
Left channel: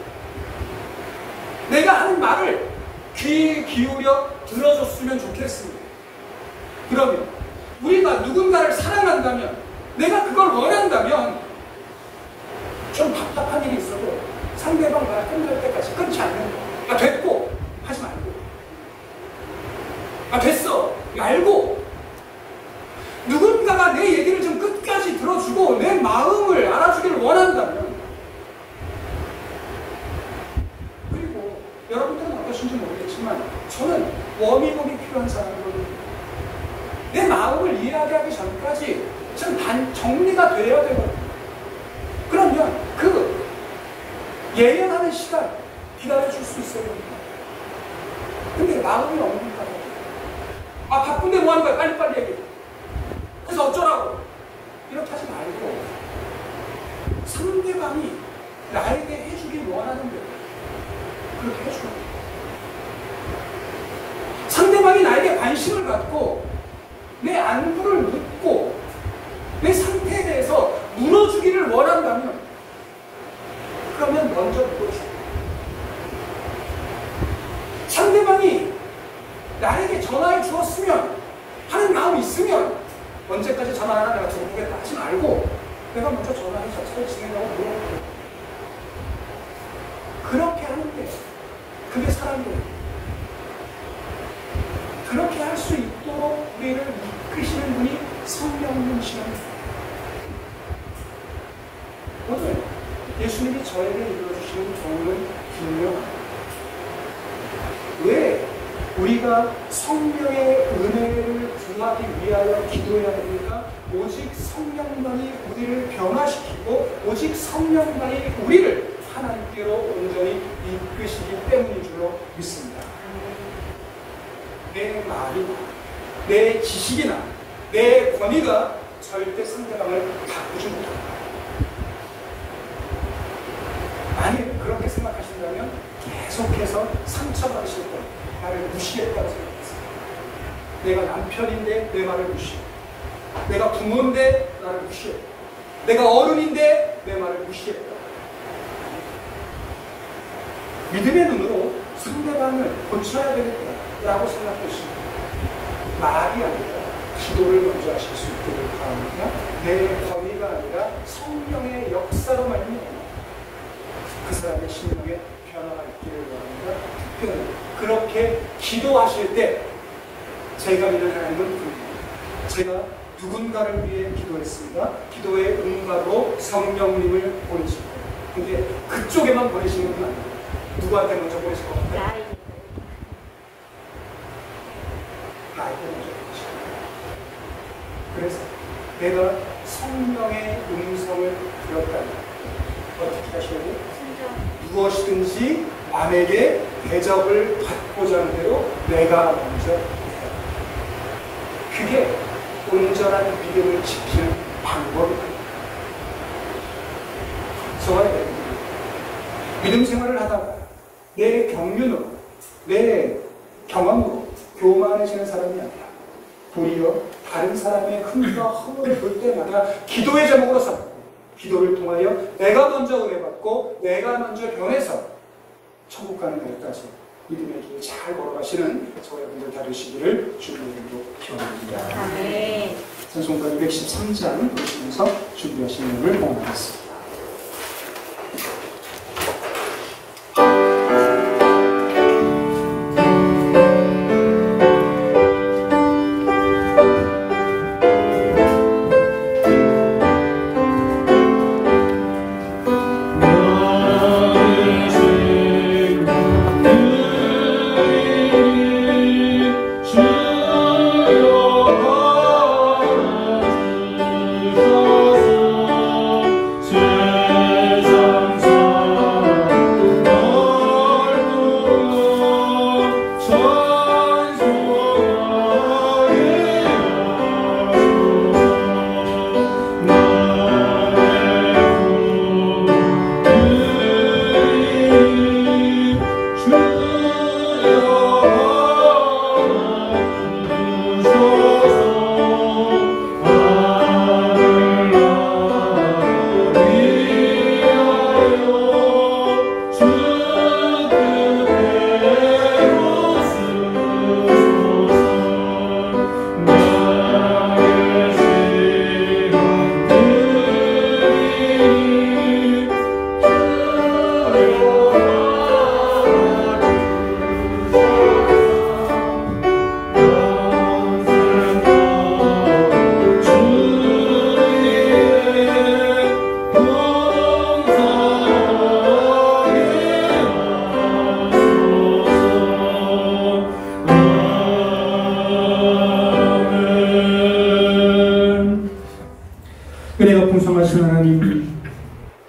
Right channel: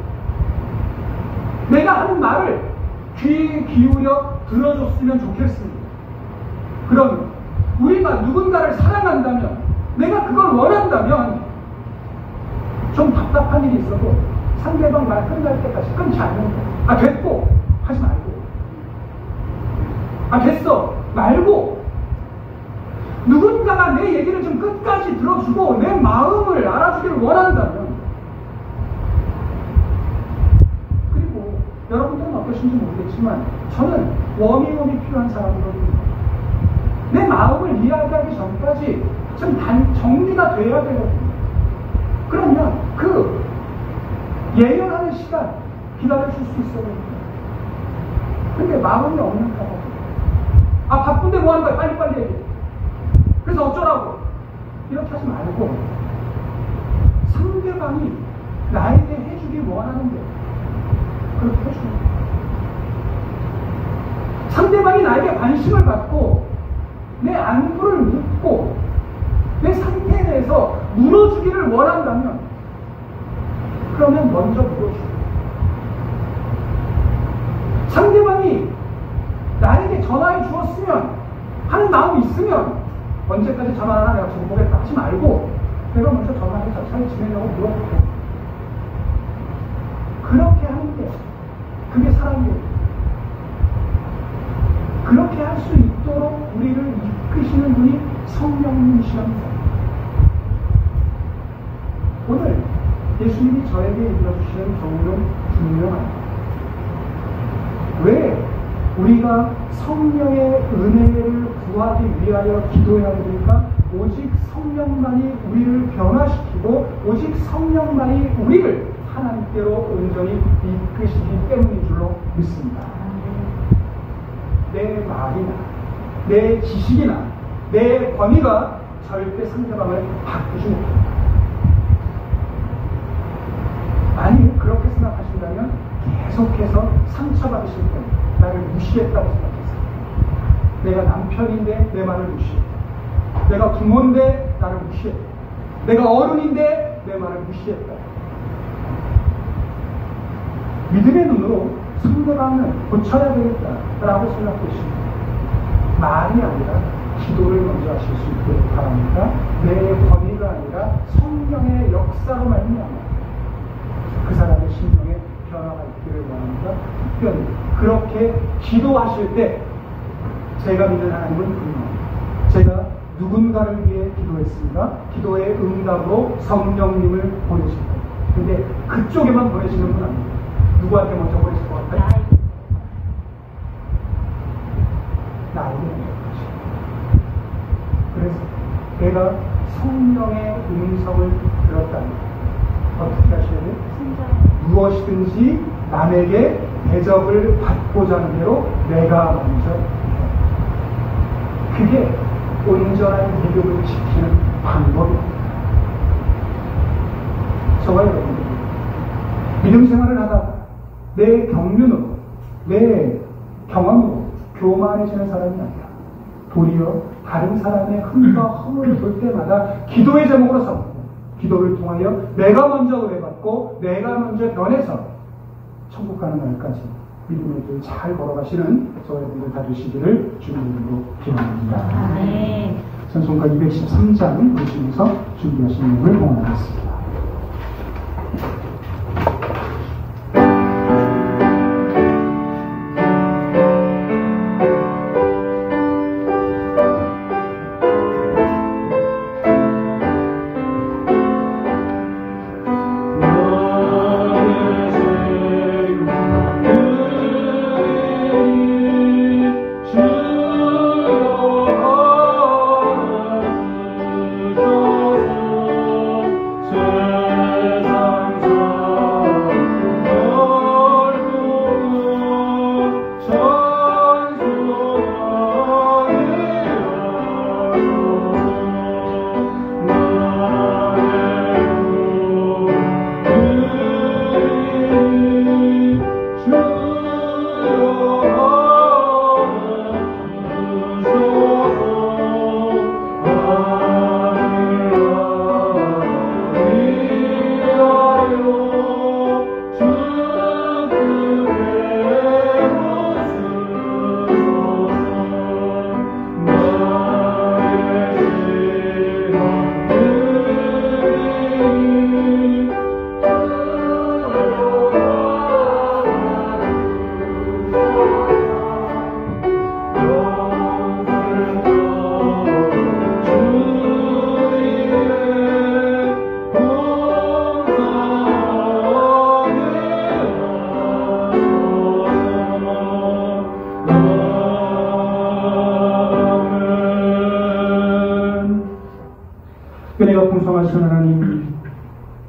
내가 하는 말을 귀 기울여 들어줬으면 좋겠습니다. 그러면 우리가 누군가를 사랑한다면, 내가 그걸 원한다면 좀 답답한 일이 있어도 상대방 말 끝날 때까지 끊지 않는 거. 됐고 하지 말고, 됐어 말고, 누군가가 내 얘기를 좀 끝까지 들어주고 내 마음을 알아주기를 원한다면, 그리고 여러분들은 어떠신지 모르겠지만 저는 워밍업이 필요한 사람이거든요. 내 마음을 이야기하기 전까지 좀 정리가 돼야 되거든요. 그러면 그 예언하는 시간 기다려줄 수 있어야 됩니다. 근데 마음이 없는 거야. 바쁜데 뭐 하는 거야? 빨리빨리 얘기해. 그래서 어쩌라고? 이렇게 하지 말고 상대방이 나에게 해주길 원하는데 그렇게 해주는 거야. 상대방이 나에게 관심을 갖고 내 안부를 묻고 내 상태에 대해서 물어주기를 원한다면 그러면 먼저 물어주고, 상대방이 나에게 전화해 주었으면 하는 마음이 있으면 언제까지 전화 안 하나 내가 두고 보겠다 하지 말고 내가 먼저 전화해서 잘 지내냐고 물어보고, 그렇게 하는 게 그게 사랑이에요. 그렇게 할 수 있도록 우리를 이끄시는 분이 성령님이십니다. 오늘 예수님이 저에게 이끌어주시는 교훈은 분명합니다. 왜 우리가 성령의 은혜를 구하기 위하여 기도해야 됩니까? 오직 성령만이 우리를 변화시키고 오직 성령만이 우리를 하나님께로 온전히 이끄시기 때문인 줄로 믿습니다. 내 말이나 내 지식이나 내 권위가 절대 상대방을 바꾸지 못합니다. 만일 그렇게 생각하신다면 계속해서 상처받으실 때 나를 무시했다고 생각했어요. 내가 남편인데 내 말을 무시했다. 내가 부모인데 나를 무시했다. 내가 어른인데 내 말을 무시했다. 믿음의 눈으로 상대방을 고쳐야 되겠다라고 생각했습니다. 말이 아니라 기도를 먼저 하실 수 있기를 바랍니다. 내 권위가 아니라 성령의 역사로 말미암아 그 사람의 심령에 변화가 있기를 원합니다. 특별히 그렇게 기도하실 때 제가 믿는 하나님은 분명합니다. 제가 누군가를 위해 기도했습니다. 기도의 응답으로 성령님을 보내십니다. 근데 그쪽에만 보내시는 분 아닙니다. 누구한테 먼저 보내실 것 같아요? 나에게 먼저 보내십니다. 그래서 내가 성령의 음성을 들었다면 어떻게 하셔야 돼요? 무엇이든지 남에게 대접을 받고자 하는 대로 내가 먼저 해요. 그게 온전한 믿음을 지키는 방법입니다. 저와 여러분들이 믿음 생활을 하다가 내 경륜으로 내 경험으로 교만해지는 사람이 아니라 도리어 다른 사람의 흠과 허물을 볼 때마다 기도의 제목으로 삼고 기도를 통하여 내가 먼저 은혜받고 내가 먼저 변해서 천국 가는 날까지 믿음의 길 잘 걸어가시는 저와 여러분들 다 되시기를 주님으로 기원합니다. 아멘. 찬송가 213장 보시면서 준비하신 내용을 공유하겠습니다. 은혜가 풍성하신 하나님,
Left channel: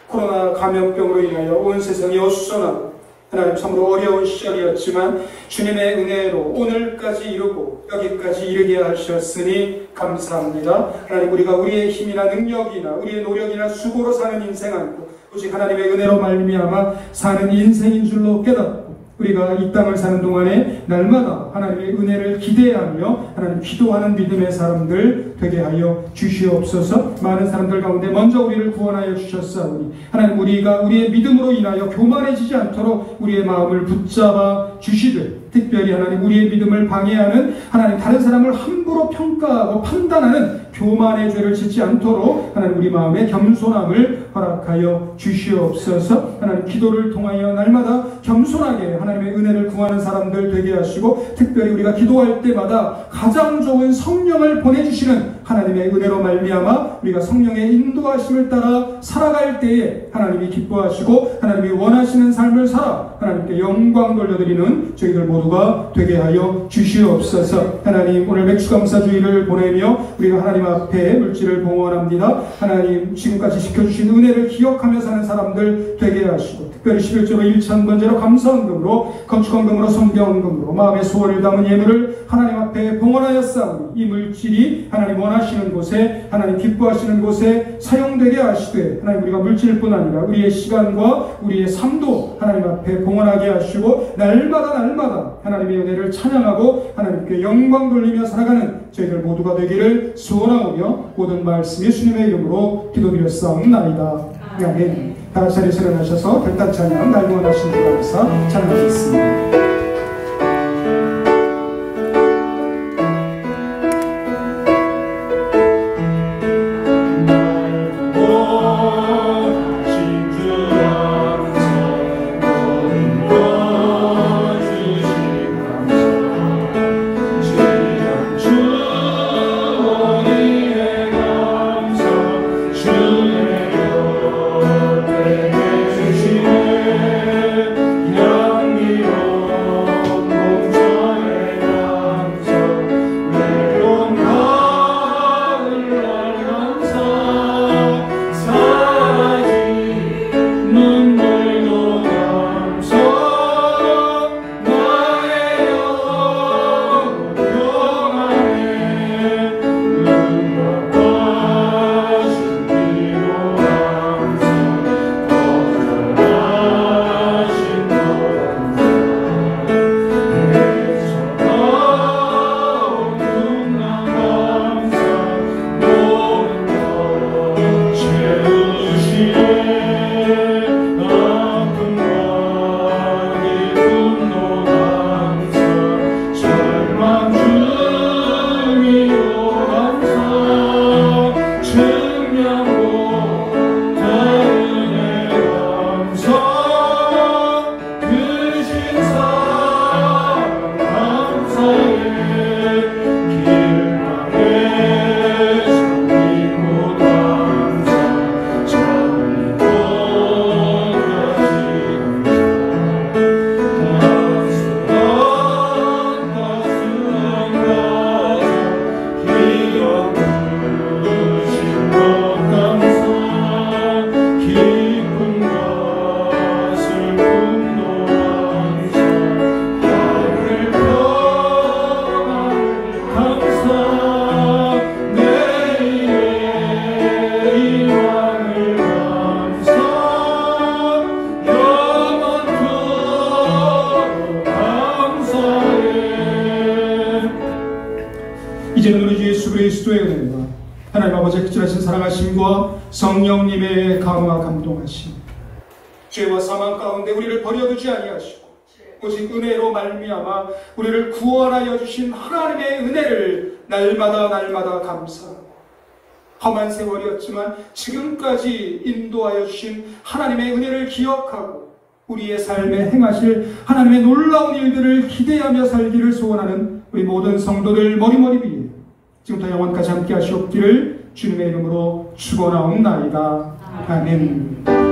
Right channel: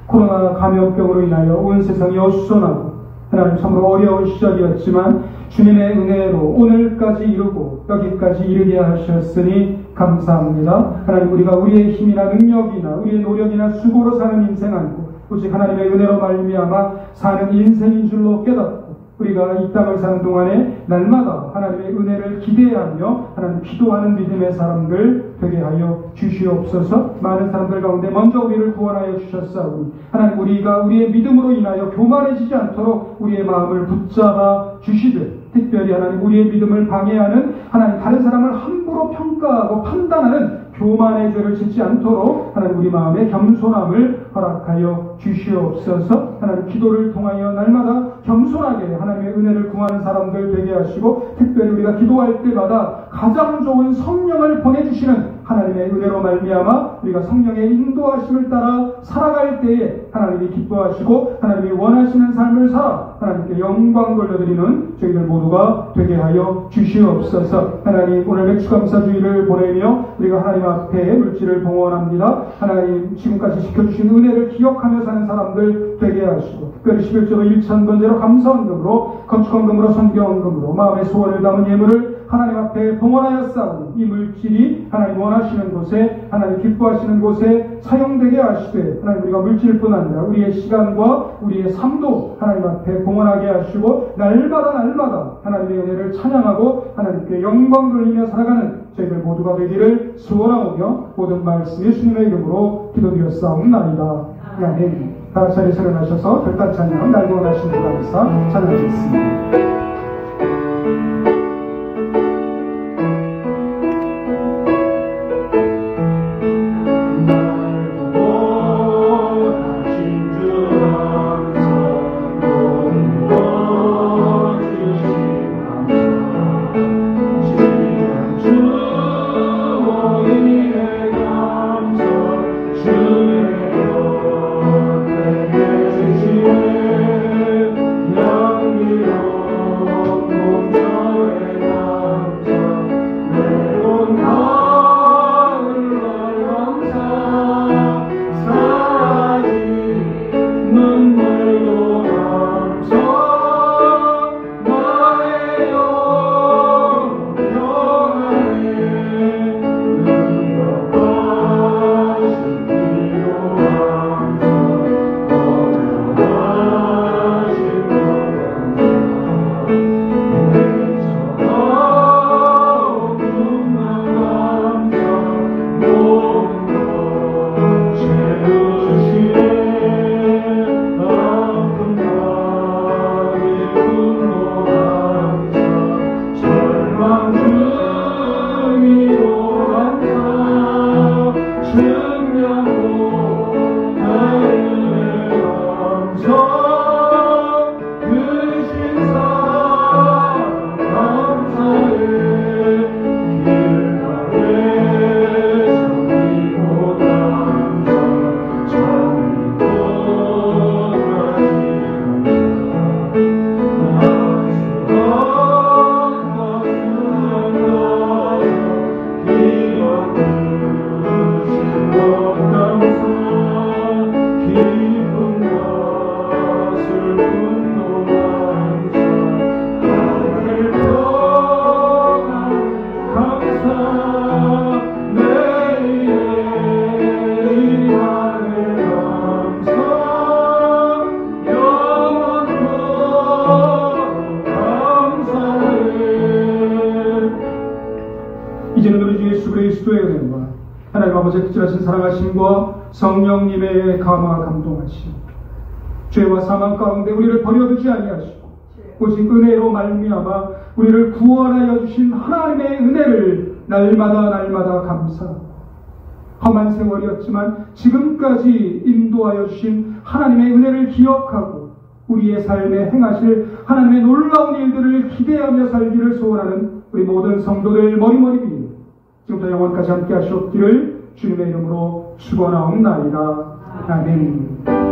코로나 감염병으로 인하여 온 세상이 어수선하고 하나님 참으로 어려운 시절이었지만 주님의 은혜로 오늘까지 이루고 여기까지 이르게 하셨으니 감사합니다. 하나님, 우리가 우리의 힘이나 능력이나 우리의 노력이나 수고로 사는 인생 아니고 오직 하나님의 은혜로 말미암아 사는 인생인 줄로 깨닫고 우리가 이 땅을 사는 동안에 날마다 하나님의 은혜를 기대하며 하나님 기도하는 믿음의 사람들 되게 하여 주시옵소서. 많은 사람들 가운데 먼저 우리를 구원하여 주셨사오니 하나님 우리가 우리의 믿음으로 인하여 교만해지지 않도록 우리의 마음을 붙잡아 주시되, 특별히 하나님 우리의 믿음을 방해하는 하나님 다른 사람을 함부로 평가하고 판단하는 교만의 죄를 짓지 않도록 하나님 우리 마음의 겸손함을 허락하여 주시옵소서. 하나님 기도를 통하여 날마다 겸손하게 하나님의 은혜를 구하는 사람들 되게 하시고, 특별히 우리가 기도할 때마다 가장 좋은 성령을 보내주시는 하나님의 은혜로 말미암아 우리가 성령의 인도하심을 따라 살아갈 때에 하나님이 기뻐하시고 하나님이 원하시는 삶을 살아 하나님께 영광 돌려드리는 저희들 모두가 되게 하여 주시옵소서. 하나님 오늘 맥주감사주의를 보내며 우리가 하나님 앞에 물질을 봉헌합니다. 하나님 지금까지 지켜주신 은혜를 기억하며 사는 사람들 되게 하시고, 특별히 11조로 1,000번째로 감사헌금으로 건축헌금으로 성경헌금으로 마음의 소원을 담은 예물을 하나님 앞에 봉헌하였사오니 이 물질이 하나님 원하시는 곳에 하나님 기뻐하시는 곳에 사용되게 하시되, 하나님 우리가 물질뿐 아니라 우리의 시간과 우리의 삶도 하나님 앞에 봉헌하게 하시고 날마다 하나님의 은혜를 찬양하고 하나님께 영광 돌리며 살아가는 저희들 모두가 되기를 소원하오며 모든 말씀 예수님의 이름으로 기도드렸사옵나이다. 아멘. 다같이 자리에 일어나셔서 별단 찬양 날 구원하신 주 감사 찬양하겠습니다. 이제는 우리 주 예수 그리스도의 은혜와 하나님 아버지의 극진하신 사랑하심과 성령님의 강화 감동하심, 죄와 사망 가운데 우리를 버려두지 아니하시고 오직 은혜로 말미암아 우리를 구원하여 주신 하나님의 은혜를 날마다 감사합니다. 험한 세월이었지만 지금까지 인도하여 주신 하나님의 은혜를 기억하고 우리의 삶에 행하실 하나님의 놀라운 일들을 기대하며 살기를 소원하는 우리 모든 성도들 머리머리 위에 지금부터 영원까지 함께 하시옵기를 주님의 이름으로 축원하옵나이다. 아멘.